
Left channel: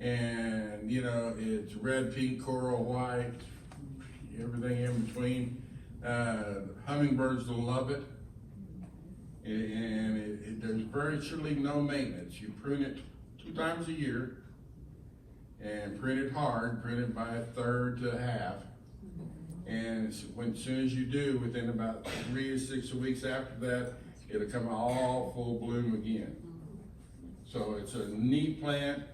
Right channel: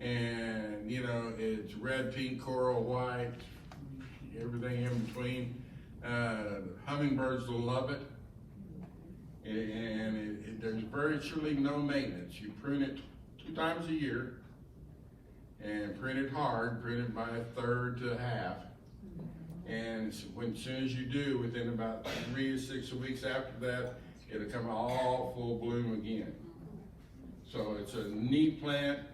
And it's red, pink, coral, white, everything in between. Hummingbirds love it. And there's virtually no maintenance. You prune it 2 times a year, and prune it hard, prune it by 1/3 to 1/2. And as soon as you do, within about 3 to 6 weeks after that, it'll come all full bloom again. So it's a neat plant.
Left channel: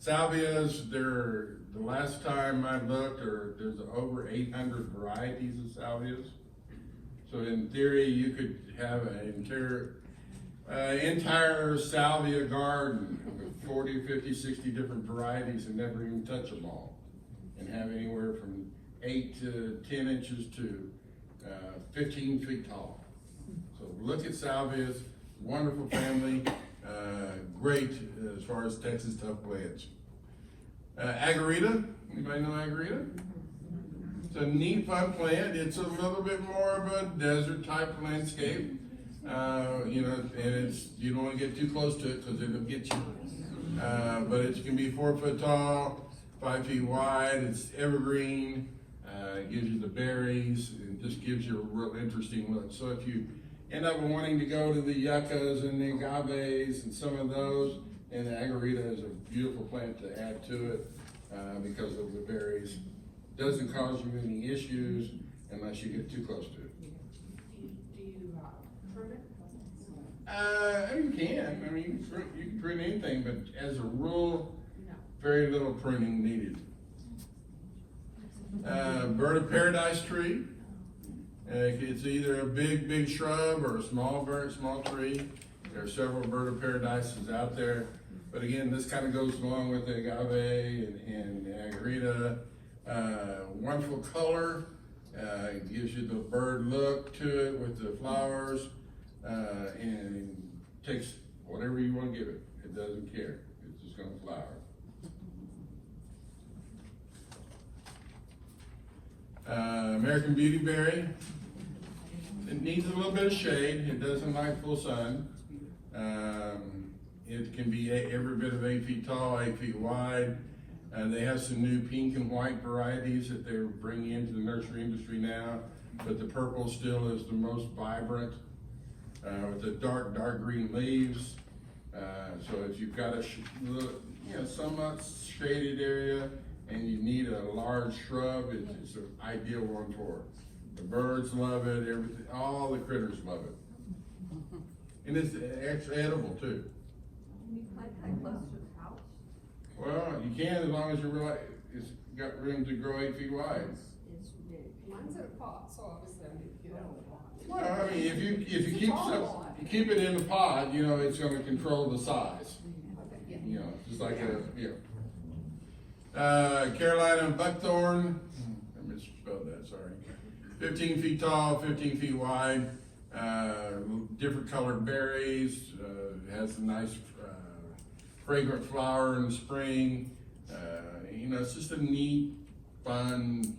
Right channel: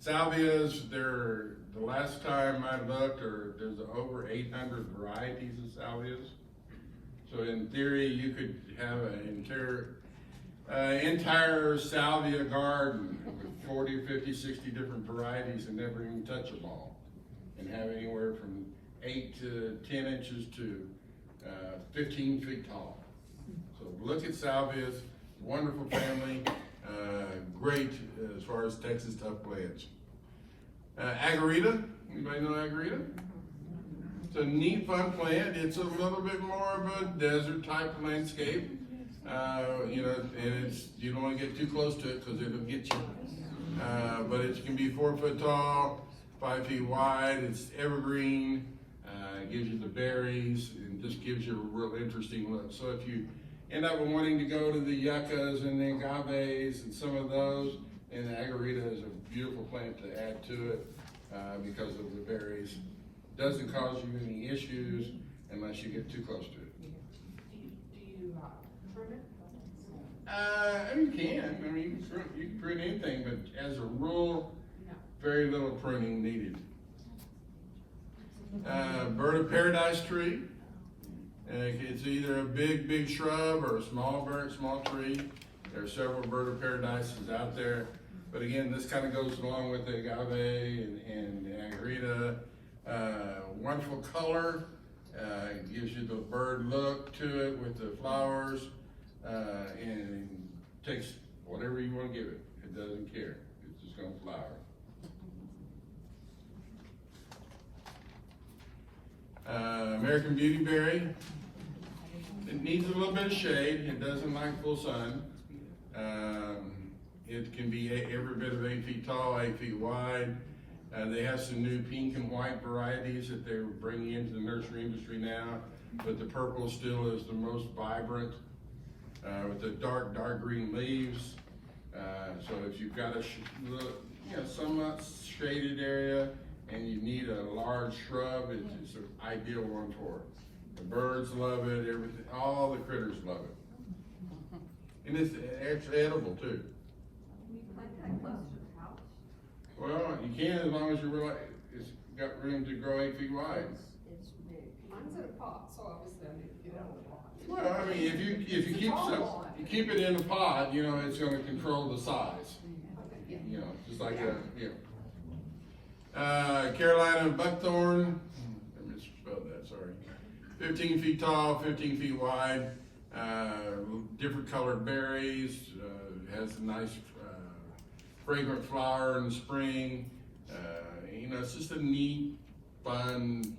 Salvias, the last time I looked, there's over 800 varieties of salvias. So in theory, you could have an entire salvia garden with 40, 50, 60 different varieties and never even touch them all. And have anywhere from 8 to 10 inches to 15 feet tall. So look at salvias, wonderful family, great as far as Texas tough plants. Agarita, anybody know Agarita? It's a neat, fun plant. It's a little bit more of a desert type landscape. And you don't want to get too close to it because it'll get you. But it can be 4 foot tall, 5 feet wide. It's evergreen. It gives you the berries and just gives you a real interesting look. So if you end up wanting to go to the yuccas and the agaves and some of those, and the agarita is a beautiful plant to add to it because of the berries. Doesn't cause you any issues unless you get too close to it. Do you prune it? You can. I mean, you can prune anything, but as a rule, very little pruning needed. Bird of paradise tree. It's either a big shrub or a small tree. There are several bird of paradises out there. But again, this kind of goes along with the agave and the agarita. Wonderful color. It gives you the bird look to it with the flowers. And takes whatever you want to give it. It doesn't care. It's just going to flower. American beautyberry. It needs a little bit of shade. It doesn't like full sun. It can be every bit of 8 feet tall, 8 feet wide. They have some new pink and white varieties that they're bringing into the nursery industry now, but the purple still is the most vibrant with the dark green leaves. So if you've got a somewhat shaded area and you need a large shrub, it's an ideal one for it. The birds love it, everything, all the critters love it. And it's actually edible too. Can you plant that close to the house? Well, you can as long as it's got room to grow 8 feet wide. It's big. Mine's in a pot, so obviously I need to get out of the pot. Well, I mean, if you keep it in the pot, it's going to control the size. Just like Carolina buckthorn. I misspelled that. Sorry. 15 feet tall, 15 feet wide. Different colored berries. Has a nice fragrant flower in the spring. It's just a neat, fun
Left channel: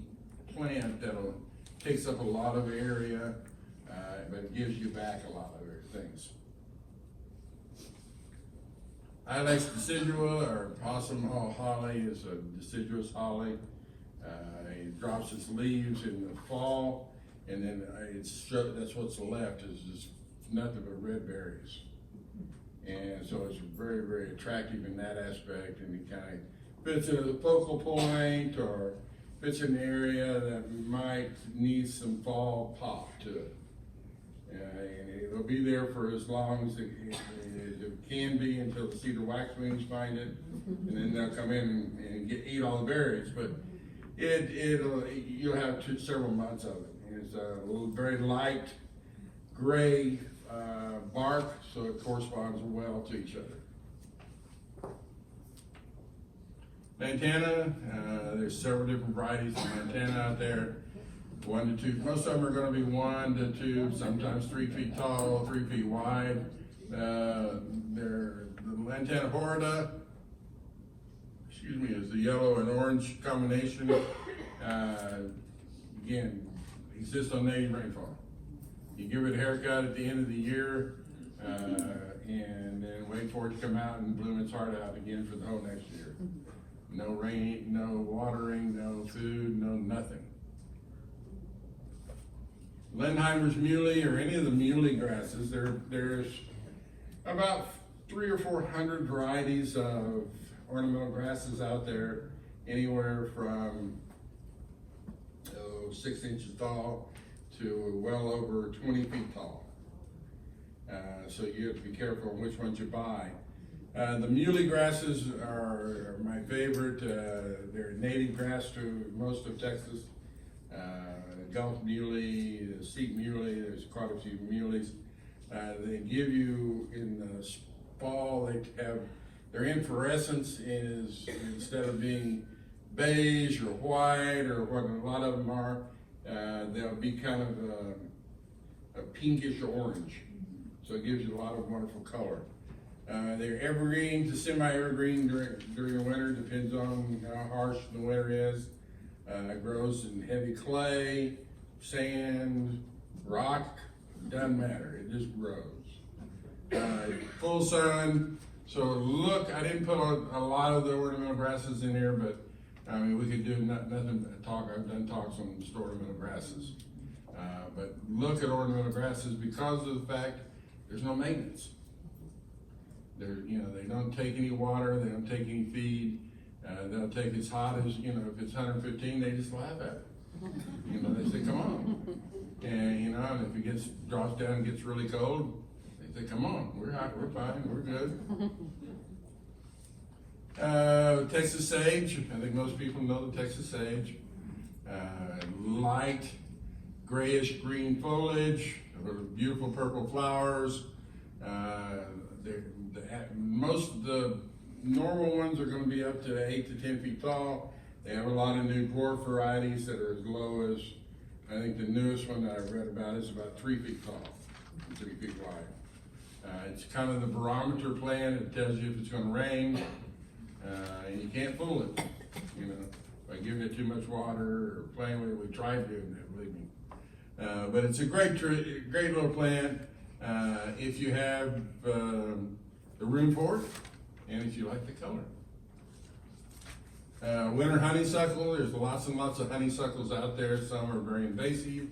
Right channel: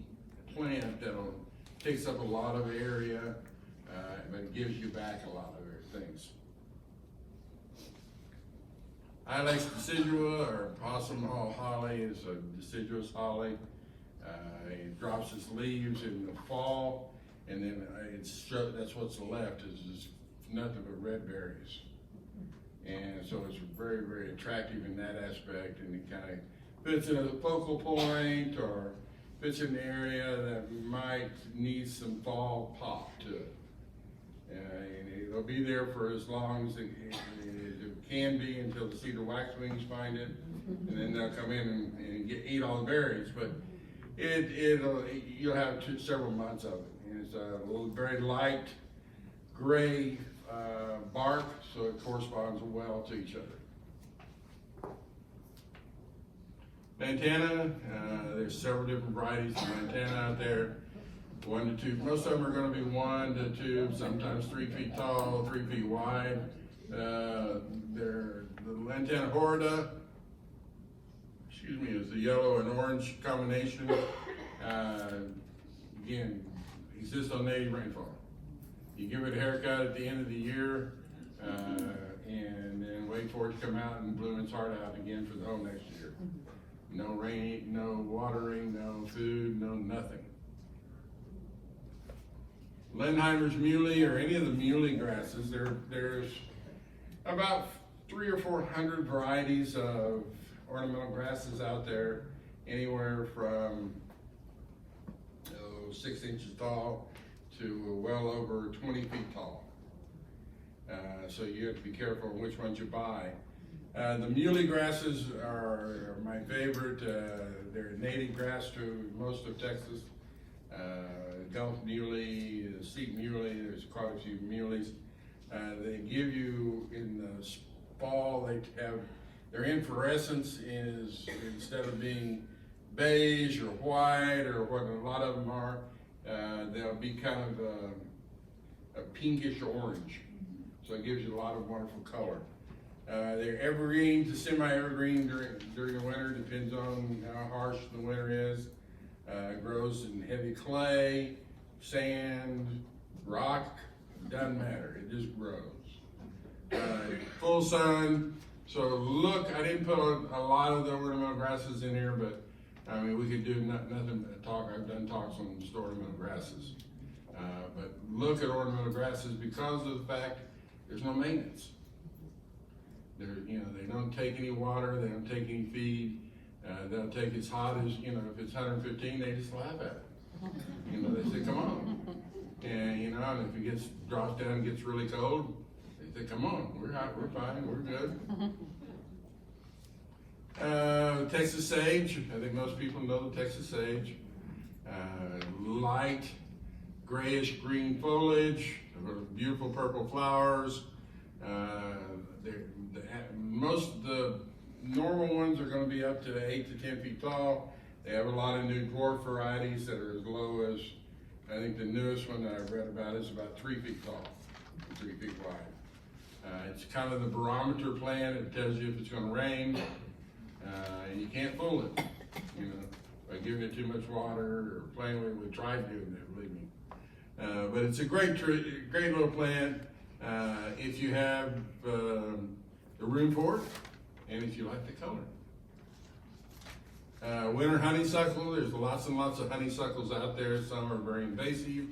plant that'll takes up a lot of area, but gives you back a lot of things. Ilex decidua, or possum holly, is a deciduous holly. It drops its leaves in the fall, and then that's what's left is just nothing but red berries. And so it's very, very attractive in that aspect, and it kind of fits in a focal point or fits in an area that might need some fall pop to it. And it'll be there for as long as it can be until the cedar waxwings find it, and then they'll come in and eat all the berries. But you'll have several months of it. And it's a little very light gray bark, so it corresponds well to each other. Lantana, there's several different varieties of lantana out there. 1 to 2, most of them are going to be 1 to 2, sometimes 3 feet tall, 3 feet wide. They're the lantana horrida, is the yellow and orange combination. Again, exists on native rainfall. You give it a haircut at the end of the year, and then wait for it to come out and bloom its heart out again for the whole next year. No rain, no watering, no food, no nothing. Lenheimer's muley, or any of the muley grasses, there's about 300 or 400 varieties of ornamental grasses out there, anywhere from 6 inches tall to well over 20 feet tall. So you have to be careful which ones you buy. The muley grasses are my favorite. They're native grass to most of Texas. Gulf muley, steep muley, there's quite a few muleys. They give you, in the fall, their inflorescence is, instead of being beige or white or what a lot of them are, they'll be kind of a pinkish orange. So it gives you a lot of wonderful color. They're evergreen to semi-evergreen during the winter, depends on how harsh the winter is. It grows in heavy clay, sand, rock, doesn't matter, it just grows. Full sun, so look, I didn't put a lot of the ornamental grasses in here, but I mean, we could do nothing but talk. I've done talks on ornamental grasses. But look at ornamental grasses because of the fact there's no maintenance. They don't take any water, they don't take any feed. They'll take as hot as, if it's 115, they just laugh at it. They say, come on. And if it drops down and gets really cold, they say, come on, we're hot, we're fine, we're good. Texas sage, I think most people know the Texas sage. Light grayish green foliage, beautiful purple flowers. Most of the normal ones are going to be up to 8 to 10 feet tall. They have a lot of new dwarf varieties that are as low as, I think the newest one that I've read about is about 3 feet tall, 3 feet wide. It's kind of the barometer plant. It tells you if it's going to rain, and you can't fool it, by giving it too much water or playing with it. We tried doing that, believe me. But it's a great little plant if you have the room for it, and if you like the color. Winter honeysuckle, there's lots and lots of honeysuckles out there. Some are very invasive,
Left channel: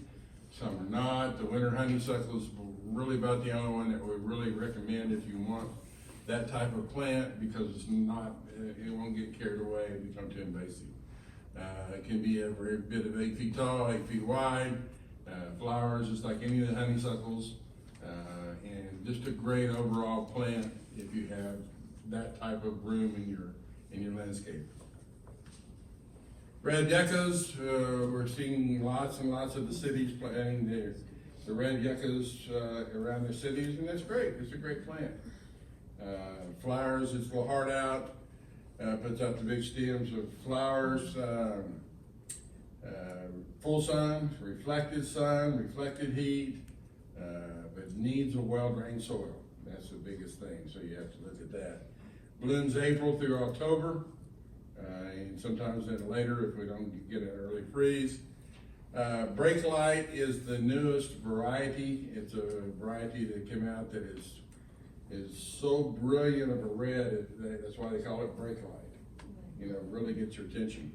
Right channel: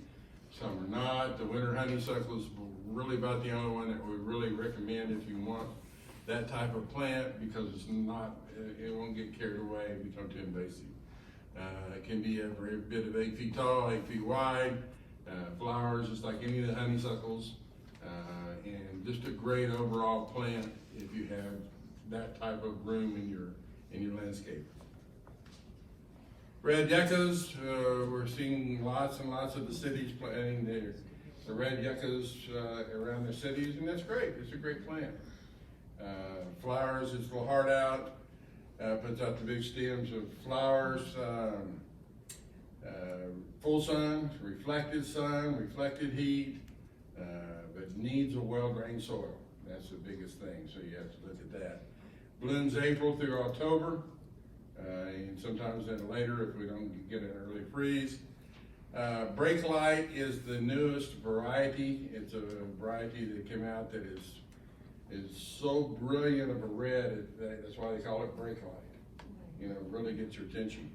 some are not. The winter honeysuckle is really about the only one that we really recommend if you want that type of plant, because it won't get carried away and become too invasive. It can be a very bit of 8 feet tall, 8 feet wide, flowers just like any of the honeysuckles, and just a great overall plant if you have that type of room in your landscape. Red yuccas, we're seeing lots and lots of the cities planting the red yuccas around their cities, and that's great. It's a great plant. Flowers, its little heart out, puts out the big stems of flowers. Full sun, reflected heat, but needs a well-drained soil. That's the biggest thing, so you have to look at that. Blooms April through October, and sometimes then later if we don't get an early freeze. Brake light is the newest variety. It's a variety that came out that is so brilliant of a red, that's why they call it brake light. Really gets your attention.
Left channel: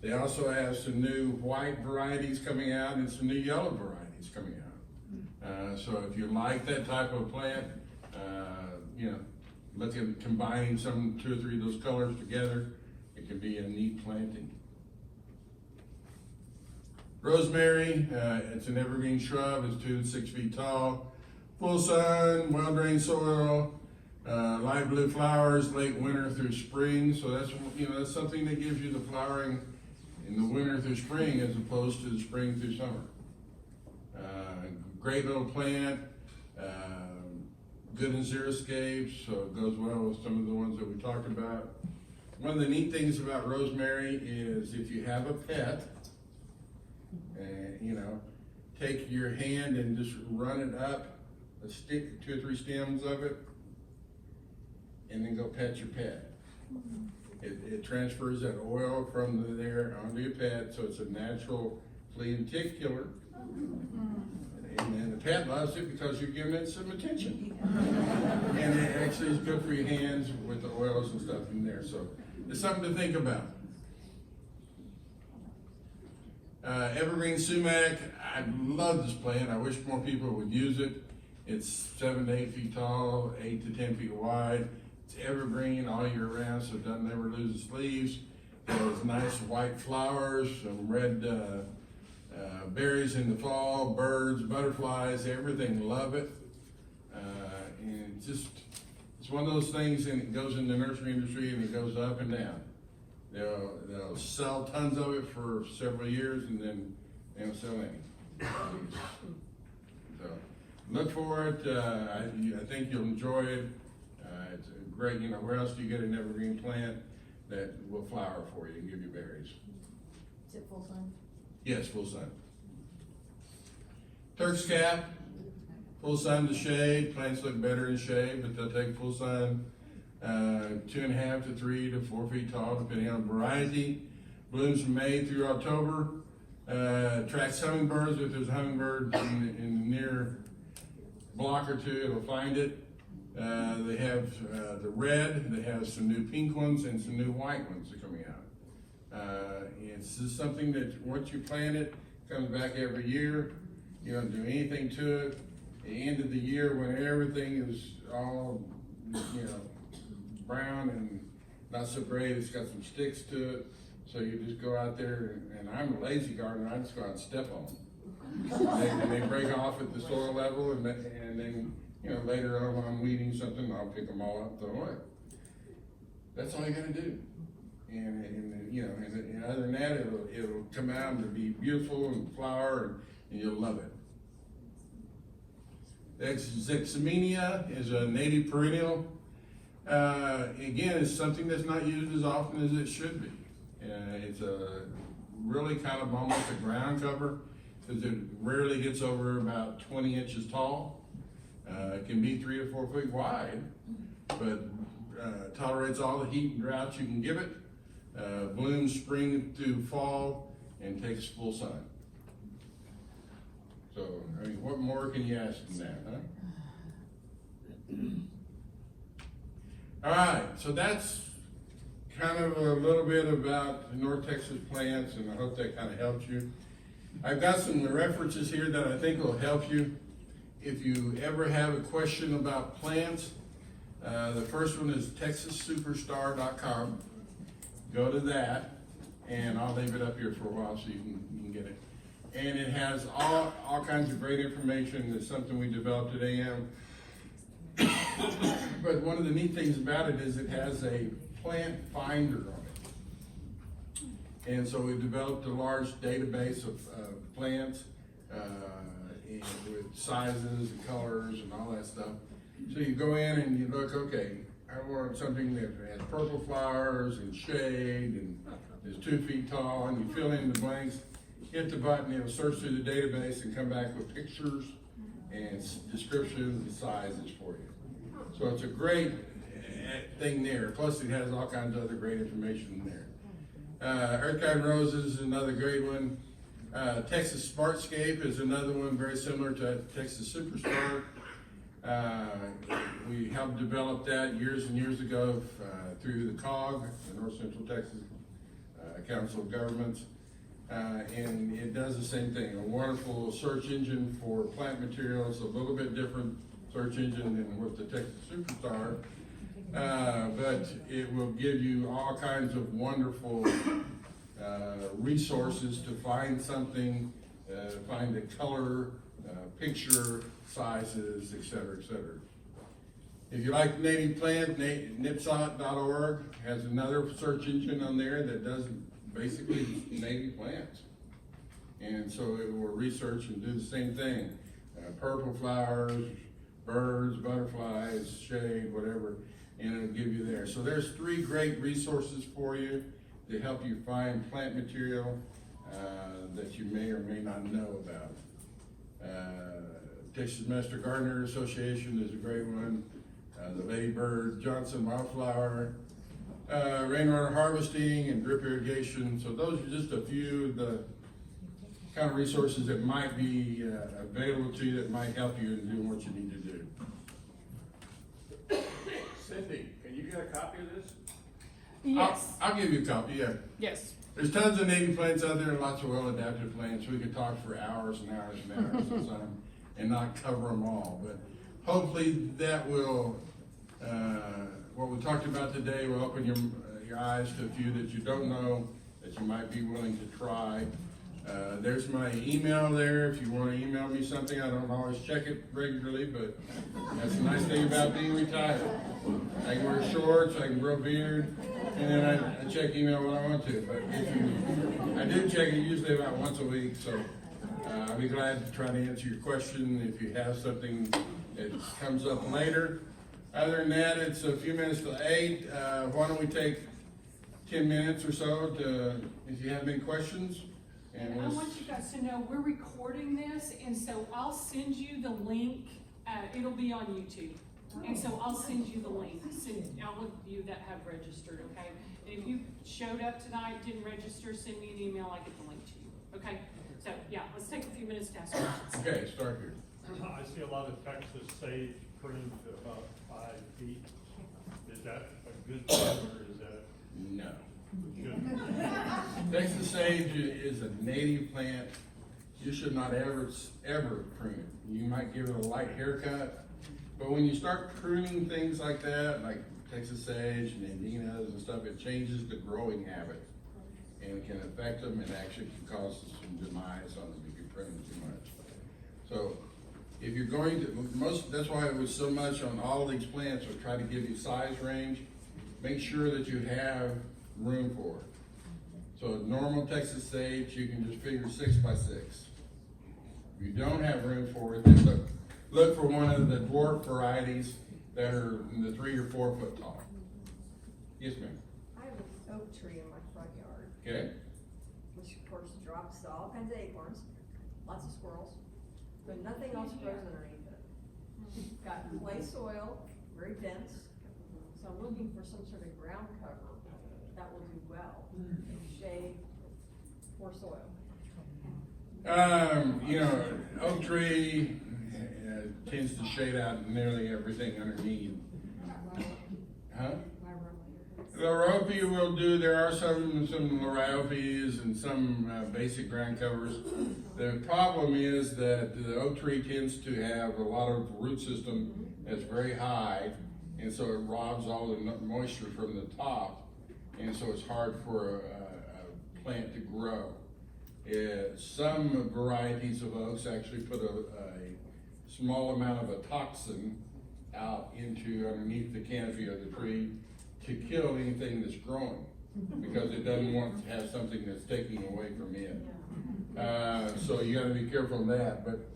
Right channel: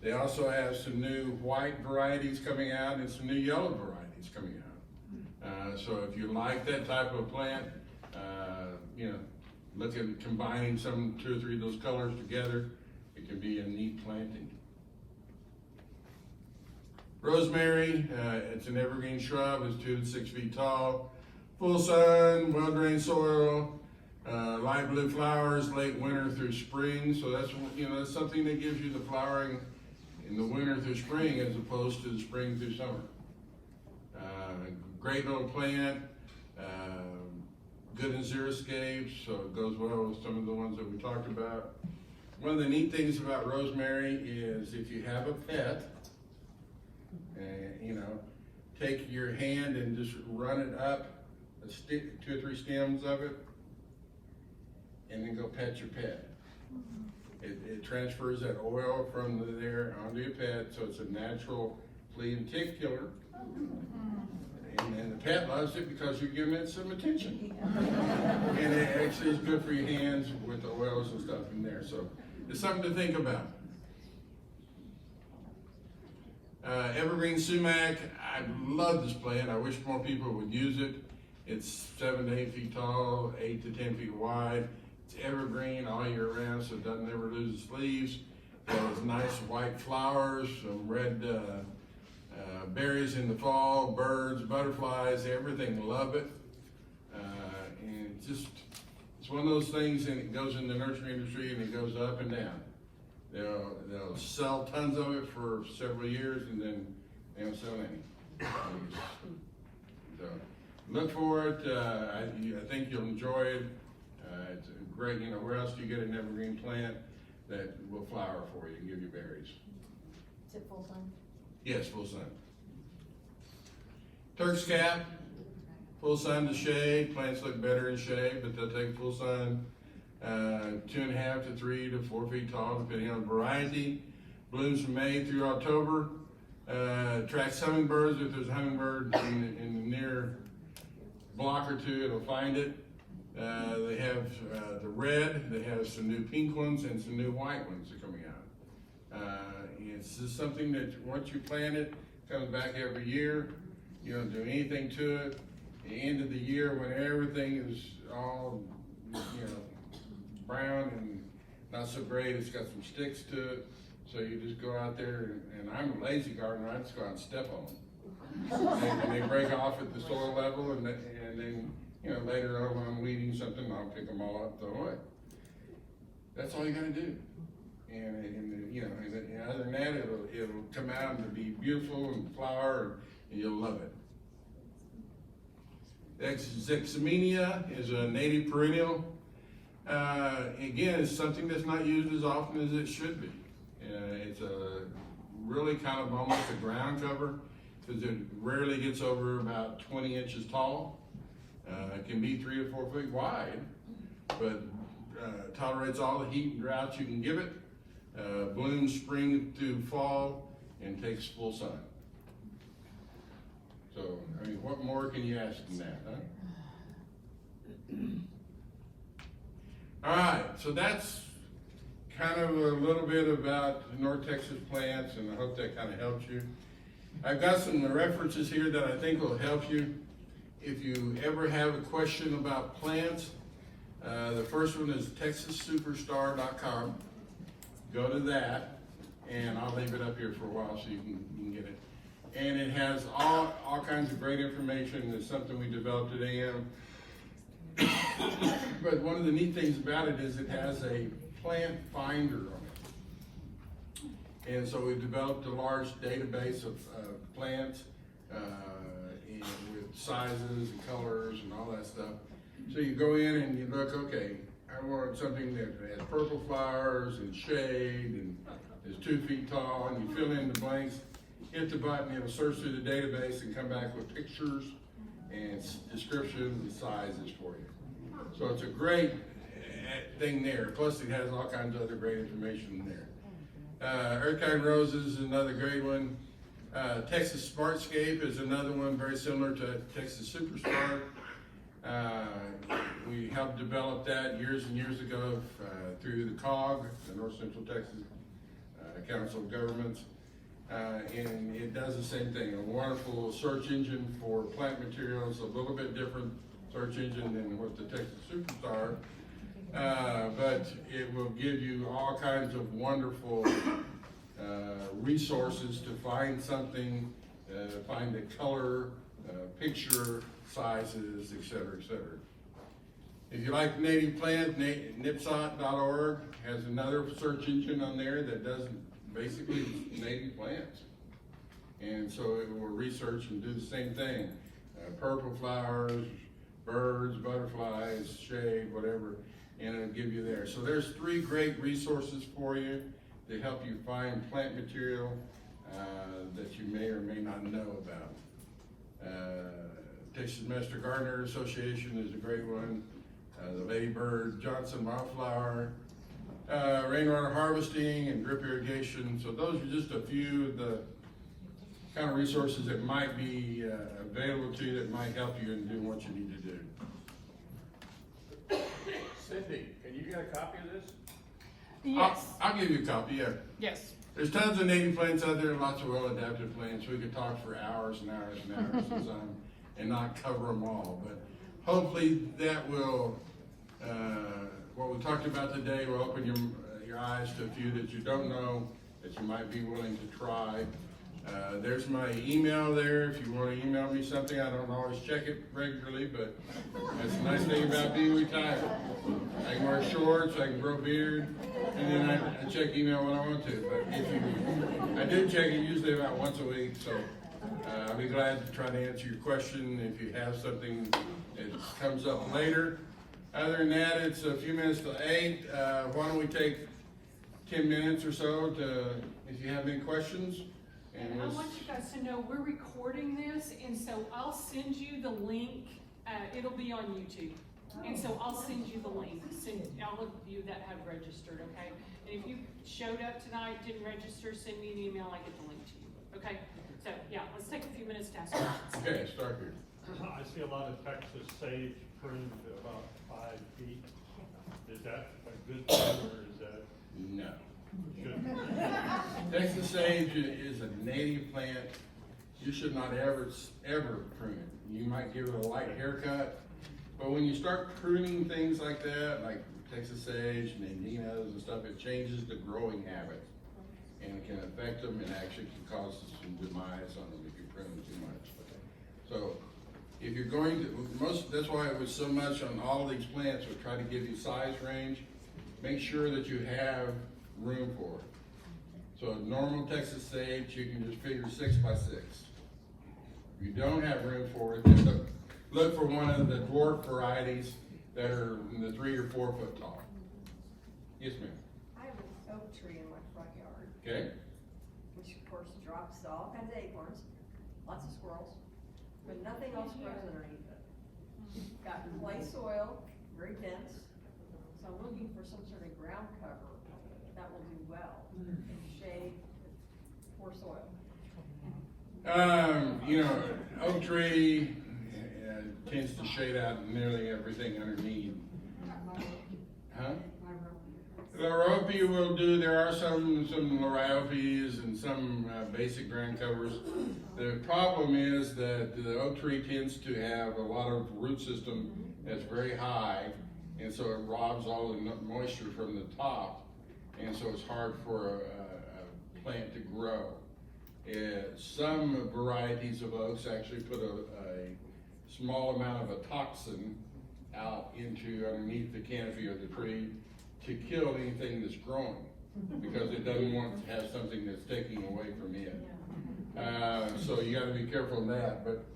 They also have some new white varieties coming out and some new yellow varieties. that's coming out. So if you like that type of plant, you know, look at combining two or three of those colors together, it can be a neat planting. Rosemary, it's an evergreen shrub, it's 2 to 6 feet tall, full sun, well-drained soil, light blue flowers, late winter through spring. So that's, you know, that's something that gives you the flowering in the winter through spring as opposed to the spring through summer. Great little plant, good in xeriscapes, so it goes well with some of the ones that we talked about. One of the neat things about rosemary is if you have a pet, you know, take your hand and just run it up a stick, 2 or 3 stems of it, and then go pet your pet. It transfers that oil from there onto your pet, so it's a natural flea and tick killer. And the pet loves it because you're giving it some attention. And it actually is good for your hands with the oils and stuff in there. So it's something to think about. Evergreen sumac, I love this plant. I wish more people would use it. It's 7 to 8 feet tall, 8 to 10 feet wide. It's evergreen all year round, so it doesn't ever lose its leaves. There's nice white flowers, some red berries in the fall, birds, butterflies, everything love it. And it's one of those things, and it goes in the nursery industry and it goes up and down. They'll sell tons of it for several years and then they don't sell any. So look for it. I think you'll enjoy it. It's a great, you know, where else do you get an evergreen plant that will flower for you and give you berries? Is it full sun? Yes, full sun. Turk's cap, full sun to shade. Plants look better in shade, but they'll take full sun. 2.5 to 3 to 4 feet tall, depending on variety. Blooms from May through October. Attracts hummingbirds. If there's a hummingbird in the near block or two, it'll find it. They have the red. They have some new pink ones and some new white ones that are coming out. It's just something that once you plant it, comes back every year. You don't do anything to it. At the end of the year, when everything is all, you know, brown and not so great, it's got some sticks to it. So you just go out there, and I'm a lazy gardener, I just go out and step on them. And they break off at the soil level, and then, you know, later on when I'm weeding something, I'll pick them all up and throw them away. That's all you gotta do. And you know, and other than that, it'll come out to be beautiful and flower, and you'll love it. Zexamenia is a native perennial. Again, it's something that's not used as often as it should be. It's a really kind of almost a ground cover because it rarely gets over about 20 inches tall. It can be 3 to 4 feet wide, but tolerates all the heat and drought you can give it. Blooms spring through fall and takes full sun. So, I mean, what more can you ask than that, huh? All right, so that's kind of a little bit about North Texas plants, and I hope that kind of helps you. I've got some references here that I think will help you. If you ever have a question about plants, the first one is texassuperstar.com. Go to that, and I'll leave it up here for a while so you can get it. And it has all kinds of great information. It's something we developed at AM. But one of the neat things about it is it has a plant finder on it. And so we developed a large database of plants and with sizes and colors and all that stuff. So you go in and you look, okay, I want something that has purple flowers and shade and is 2 feet tall, and you fill in the blanks, hit the button, it'll search through the database and come back with pictures and descriptions and sizes for you. So it's a great thing there. Plus it has all kinds of other great information in there. Earth Roses is another great one. Texas Smartscape is another one very similar to Texas Superstar. We helped develop that years and years ago through the COG, the North Central Texas Council of Governments. and it does the same thing. A wonderful search engine for plant materials, a little bit different search engine than what the Texas Superstar, but it will give you all kinds of wonderful resources to find something, find the color, picture, sizes, et cetera, et cetera. If you like native plant, nipsot.org has another search engine on there that does basically native plants. And so it will research and do the same thing. Purple flowers, birds, butterflies, shade, whatever, and it'll give you there. So there's 3 great resources for you to help you find plant material that you may or may not know about. Texas Master Gardener Association is a great one. The Ladybird, Johnson Wildflower, rainwater harvesting and drip irrigation. So those are just a few of the kind of resources that might be available to you that might help you in doing what you need to do. Cindy, can you get a copy of this? Yes. I'll give you a copy, yeah. Yes. There's tons of native plants out there, lots of well-adapted plants. We could talk for hours and hours and hours and time and not cover them all. But hopefully that will, what we talked about today will open your eyes to a few that you don't know that you might be willing to try. There's my email there. If you want to email me something, I don't always check it regularly, but that's the nice thing about being retired. I can wear shorts, I can grow a beard, and then I check email when I want to. But I do check it usually about once a week, so I'll be glad to try to answer your question if you have something that comes up later. Other than that, it's a few minutes to 8. Why don't we take 10 minutes or so to, if you have any questions? And I want you guys to know we're recording this, and so I'll send you the link. It'll be on YouTube, and so I'll send you the link. All of you that have registered, okay? And if you showed up tonight, didn't register, send me an email. I get the link to you, okay? So yeah, let's take a few minutes to ask questions. Okay, start here. I see a lot of Texas sage pruned to about 5 feet. Is that a good thing or is that No. good? Texas sage is a native plant. You should not ever prune it. You might give it a light haircut, but when you start pruning things like that, like Texas sage and andinas and stuff, it changes the growing habit, and it can affect them and actually can cause some demise on them if you prune them too much. So if you're going to, that's why it was so much on all these plants, we try to give you size range. Make sure that you have room for it. So normal Texas sage, you can just figure 6 by 6. If you don't have room for it, then look for one of the dwarf varieties that are in the 3 or 4 foot tall. Yes, ma'am. I have an oak tree in my front yard, Okay. which of course drops all kinds of acorns, lots of squirrels, but nothing else grows underneath it. Got clay soil, very dense, so I'm looking for some sort of ground cover that will do well, shade, poor soil. You know, oak tree tends to shade out nearly everything underneath. Huh? Lorope will do. There are some Lorope's and some basic ground covers. The problem is that the oak tree tends to have a lot of root system that's very high, and so it robs all the moisture from the top, and so it's hard for a plant to grow. Some varieties of oaks actually put a small amount of a toxin out into underneath the canopy of the tree to kill anything that's growing, because it doesn't want to have something that's taking away from it. So you got to be careful of that. But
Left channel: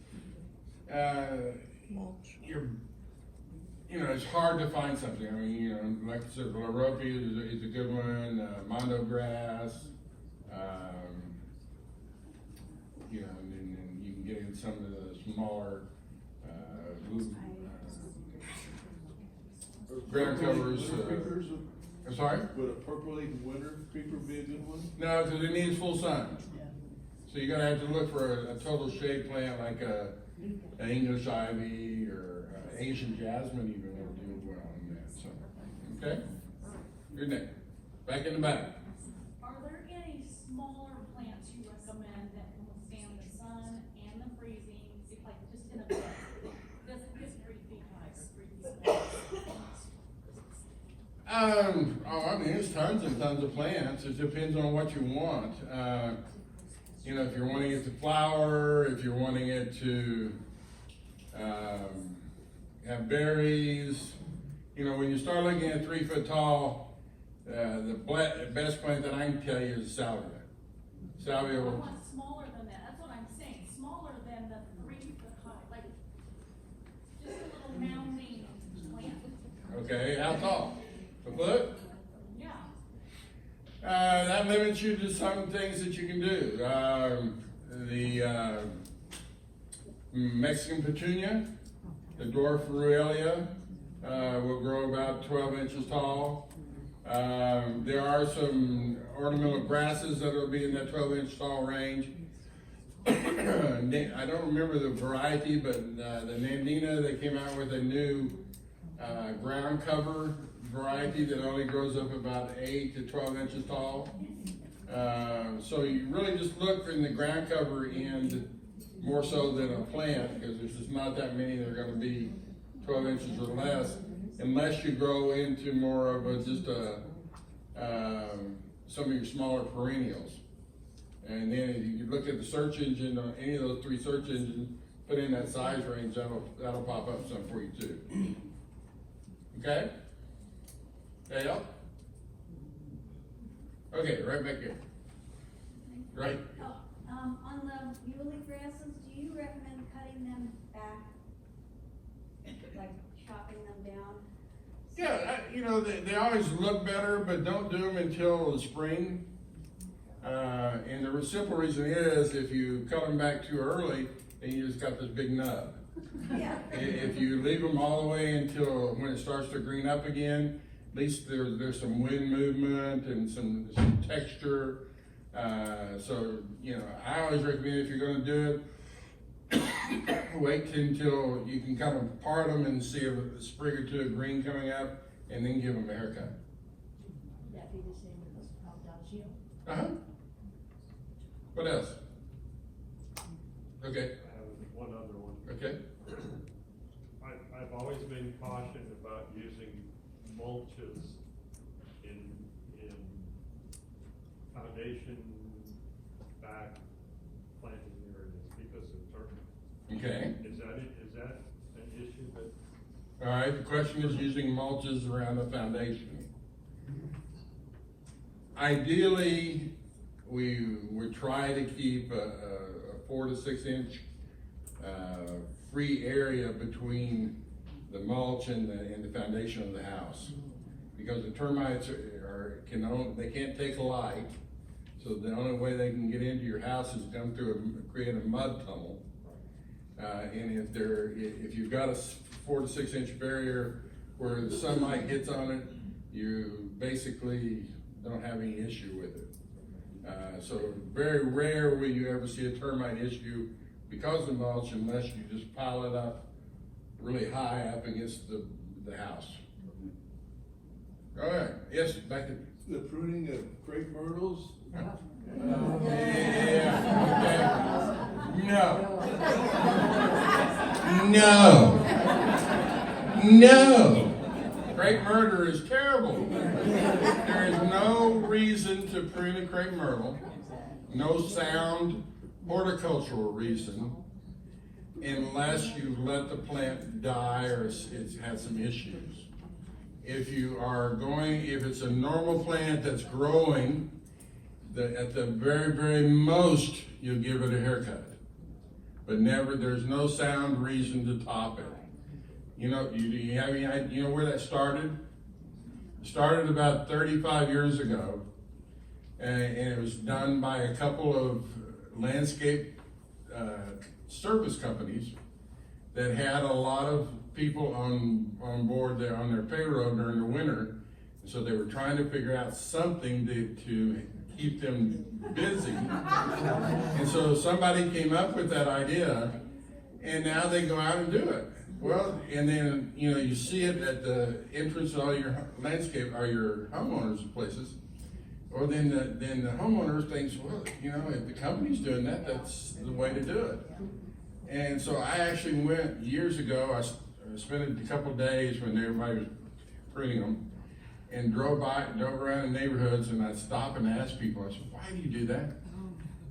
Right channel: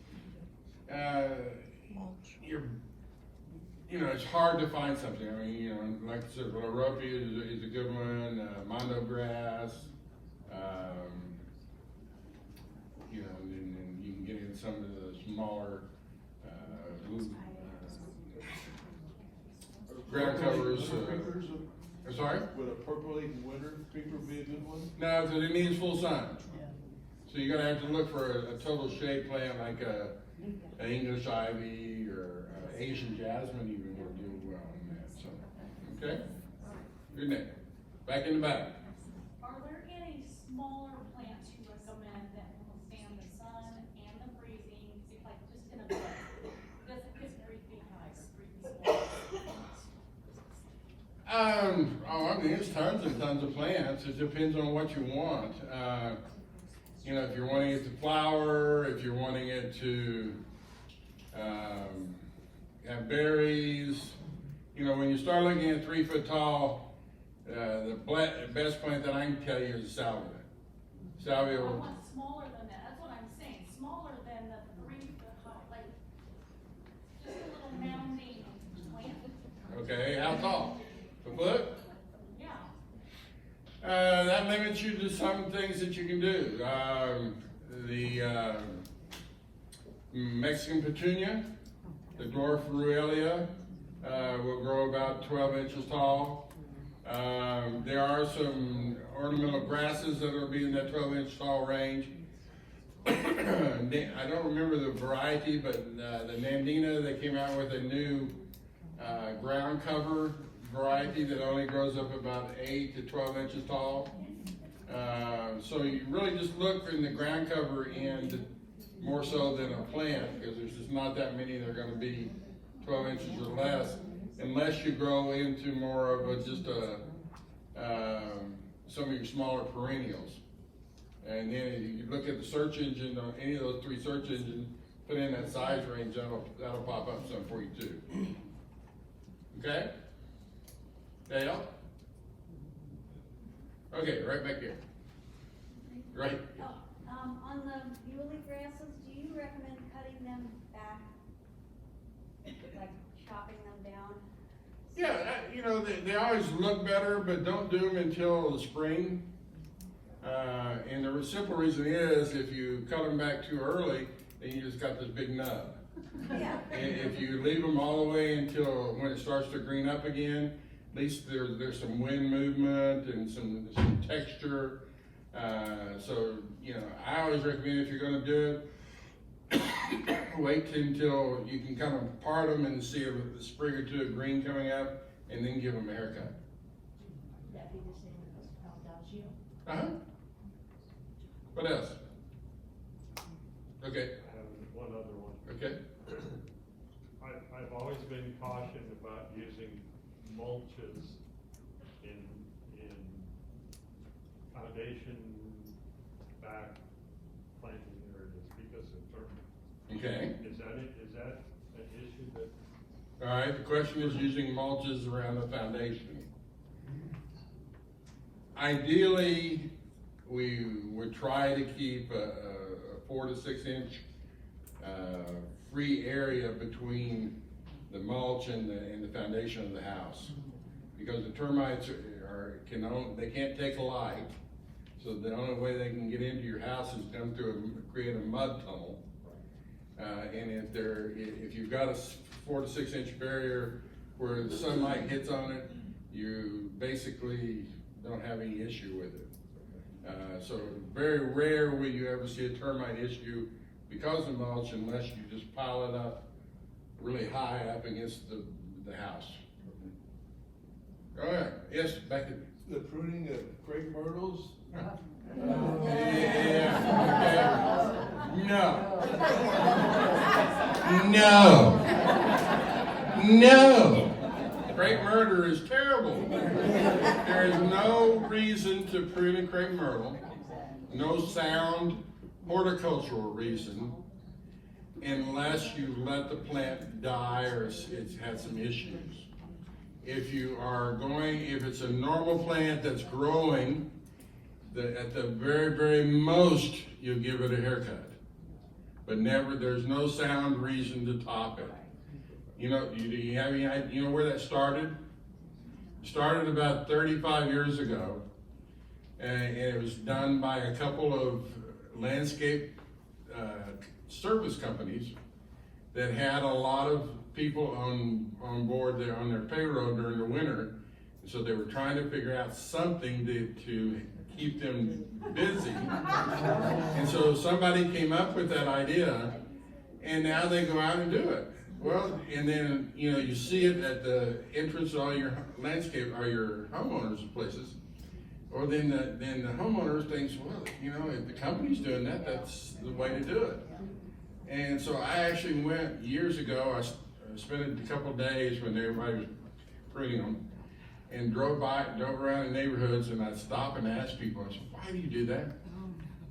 it's hard to find something. I mean, like I said, Lorope is a good one. Mondo grass. And you can get in some of the smaller ground covers. I'm sorry? Would a percolating winter creeper be a good one? No, because it needs full sun. So you're gonna have to look for a total shade plant like an English ivy or Asian jasmine even will do well in that. So, okay? Good night. Back in the back. Are there any smaller plants, U.S. I mean, there's tons and tons of plants. It depends on what you want. You know, if you're wanting it to flower, if you're wanting it to have berries. You know, when you start looking at 3 foot tall, the best plant that I can tell you is salvia. Salvia I will, want smaller than that, that's what I'm saying, smaller than the 3 foot tall, like, just a little mounding plant. okay, how tall? A foot? Yeah. That limits you to some things that you can do. The Mexican petunia, the dwarf ruellia, will grow about 12 inches tall. There are some ornamental grasses that will be in that 12-inch tall range. I don't remember the variety, but the Nandina, they came out with a new ground cover variety that only grows up about 8 to 12 inches tall. So you really just look in the ground cover end more so than a plant, because there's just not that many that are going to be 12 inches or less, unless you grow into more of some of your smaller perennials. And then if you look at the search engine on any of those 3 search engines, put in that size range, that'll pop up some for you too. Okay? Dale? Okay, right back here. Right. Oh, on the muley grasses, do you recommend cutting them back? Like chopping them down? Yeah, you know, they always look better, but don't do them until the spring. And the simple reason is if you cut them back too early, then you just got this big nub. Yeah. If you leave them all the way until when it starts to green up again, at least there's some wind movement and some texture. So, you know, I always recommend if you're gonna do it, wait until you can kind of part them and see a sprig or two of green coming up, and then give them a haircut. Would that be the same as Aldaccio? Uh-huh. What else? Okay, I have one other one. okay. I've always been cautioned about using mulches in foundation back planting areas because of termites. Okay. Is that an issue that? All right, the question is using mulches around the foundation. Ideally, we would try to keep a 4 to 6 inch free area between the mulch and the foundation of the house, because the termites they can't take light, so the only way they can get into your house is come through create a mud tunnel. And if you've got a 4 to 6 inch barrier where the sunlight hits on it, you basically don't have any issue with it. So very rare will you ever see a termite issue because of mulch, unless you just pile it up really high up against the house. All right, yes, back in. The pruning of crepe myrtles? No. Crepe myrtle is terrible. There is no reason to prune a crepe myrtle, no sound horticultural reason, unless you let the plant die or it's had some issues. If it's a normal plant that's growing, at the very, very most, you'll give it a haircut. But there's no sound reason to top it. You know, do you have any idea, you know where that started? It started about 35 years ago, and it was done by a couple of landscape service companies that had a lot of people on board there on their payroll during the winter. So they were trying to figure out something to keep them busy. And so somebody came up with that idea, and now they go out and do it. Well, and then, you know, you see it at the entrance of all your landscape, or your homeowners' places. Or then the homeowners thinks, well, you know, if the company's doing that, that's the way to do it. And so I actually went years ago, I spent a couple of days when everybody was pruning them. and drove around the neighborhoods, and I'd stop and ask people, I said, why do you do that?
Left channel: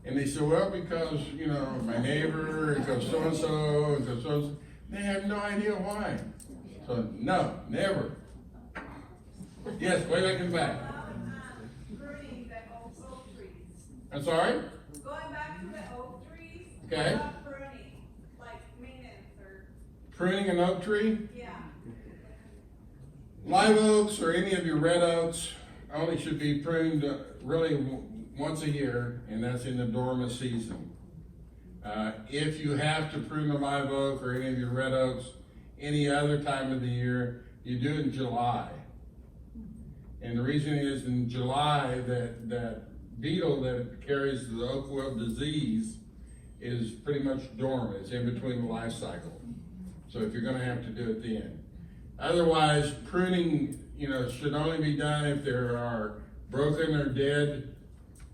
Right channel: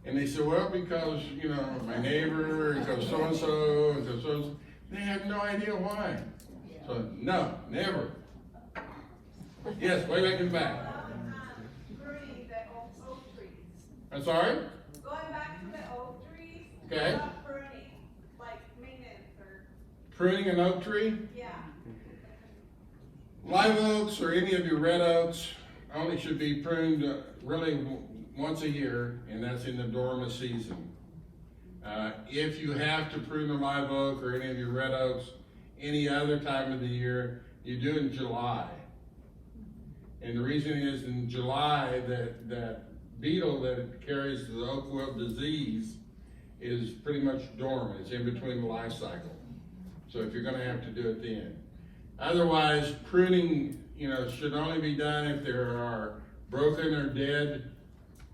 And they said, well, because, you know, my neighbor, and because so-and-so, and because so-and-so. They have no idea why. So, no, never. Yes, way back in the back. Pruning the oak trees. I'm sorry? Going back to the oak trees. Okay. Not pruning, like maintenance or, Pruning an oak tree? yeah. Live oaks or any of your red oaks only should be pruned really once a year, and that's in the dormant season. If you have to prune a live oak or any of your red oaks any other time of the year, you do it in July. And the reason is in July that beetle that carries the oak wilt disease is pretty much dormant. It's in between the life cycle. So if you're gonna have to do it then. Otherwise, pruning, you know, should only be done if there are broken or dead,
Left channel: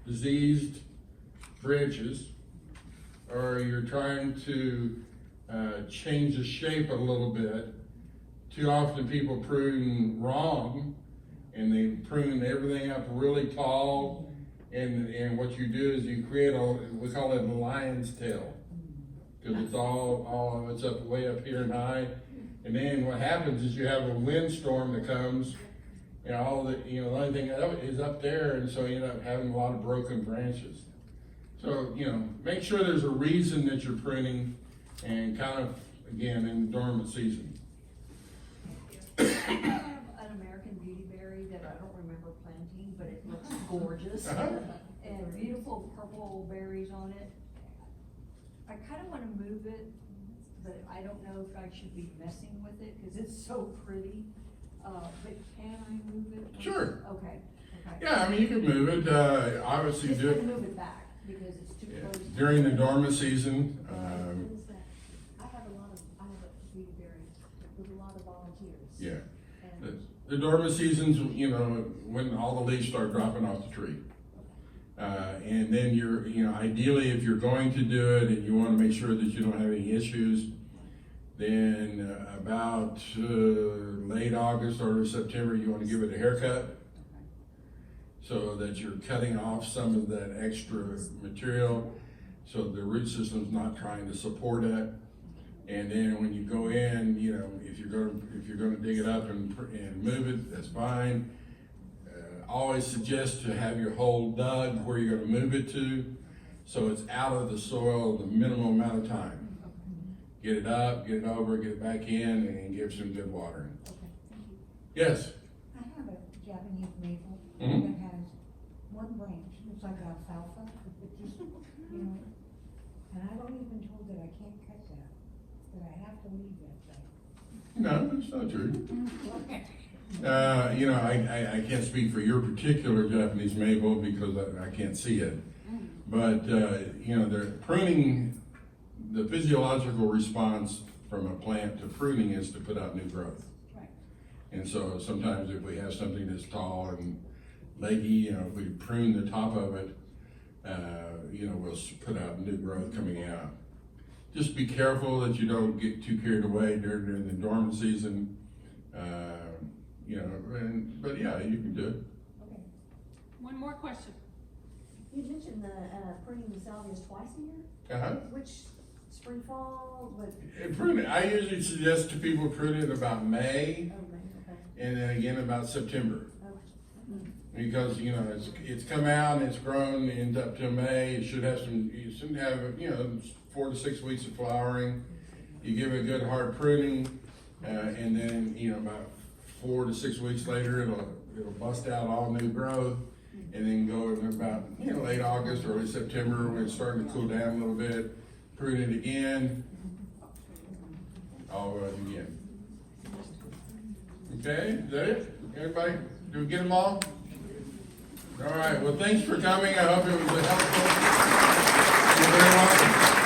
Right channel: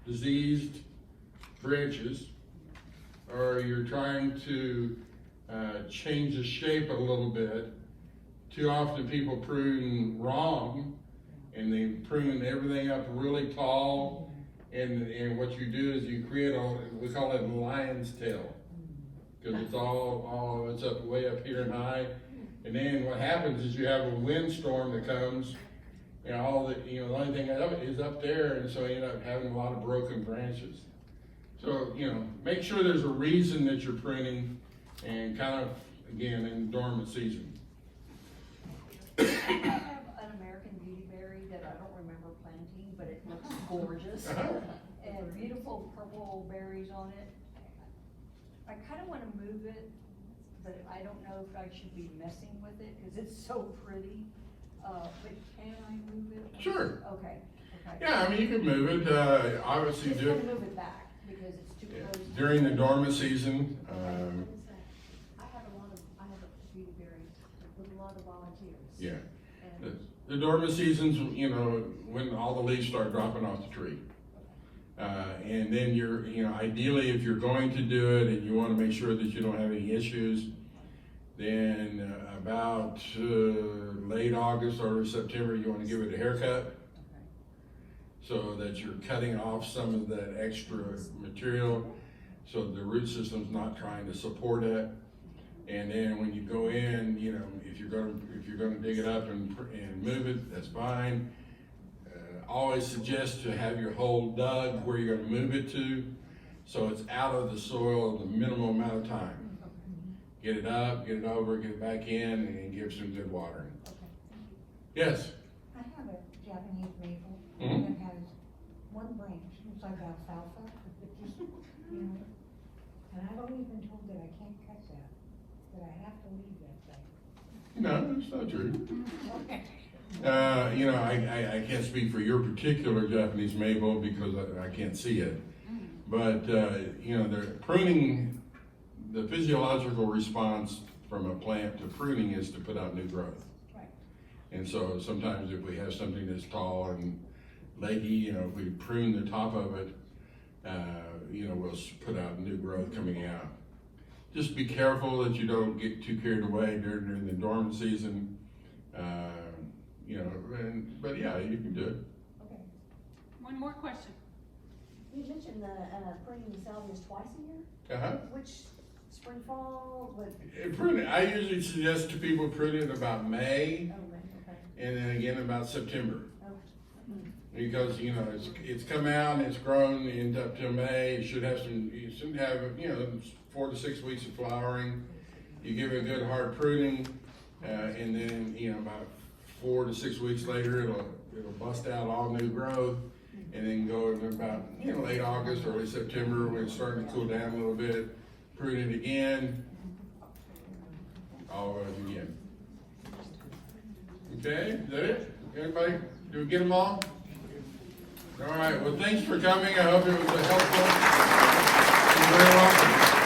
diseased branches, or you're trying to change the shape a little bit. Too often people prune wrong, and they prune everything up really tall, and what you do is you create we call it a lion's tail, because it's it's up way up here and high, and then what happens is you have a windstorm that comes, and the only thing is up there, and so you end up having a lot of broken branches. So, you know, make sure there's a reason that you're pruning, and kind of, again, in dormant season. I have an American beautyberry that I don't remember planting, but it looks gorgeous. And beautiful purple berries on it. I kinda wanna move it, but I don't know if I should be messing with it, cause it's so pretty. But can I move it? Sure. Okay. Yeah, I mean, you can move it, obviously Just do gonna it move it back, because it's too close. during the dormant season. I have a beautyberry with a lot of volunteers. Yeah. And The dormant seasons, you know, when all the leaves start dropping off the tree. And then ideally, if you're going to do it and you want to make sure that you don't have any issues, then about late August or September, you want to give it a haircut, so that you're cutting off some of that extra material, so the root system's not trying to support it. And then when you go in, you know, if you're gonna dig it up and move it, that's fine. Always suggest to have your hole dug where you're gonna move it to, so it's out of the soil the minimum amount of time. Get it up, get it over, get it back in, and give some good watering. Yes? I have a Japanese maple Mhm. that has one branch, it's like alfalfa, you know, and I've always been told that I can't cut that I have to leave that thing. No, that's not true. I can't speak for your particular Japanese maple because I can't see it. But, the pruning, the physiological response from a plant to pruning is to put out new growth. Right. And so sometimes if we have something that's tall and leggy, if we prune the top of it, we'll put out new growth coming out. Just be careful that you don't get too carried away during the dormant season. But yeah, you can do it. Okay. One more question. You mentioned pruning the salvias twice a year? Uh-huh. Which, spring, fall, Pruning, I usually suggest to people prune it about May, okay. and then again about September. Okay. Because, it's come out and it's grown and up till May. You should have 4 to 6 weeks of flowering. You give it a good hard pruning, and then, about 4 to 6 weeks later, it'll bust out all new growth, and then go in about, late August, early September, when it's starting to cool down a little bit, prune it again, all over again. Okay, is that it? Everybody, did we get them all? All right, well, thanks for coming. I hope it was helpful. You're very welcome.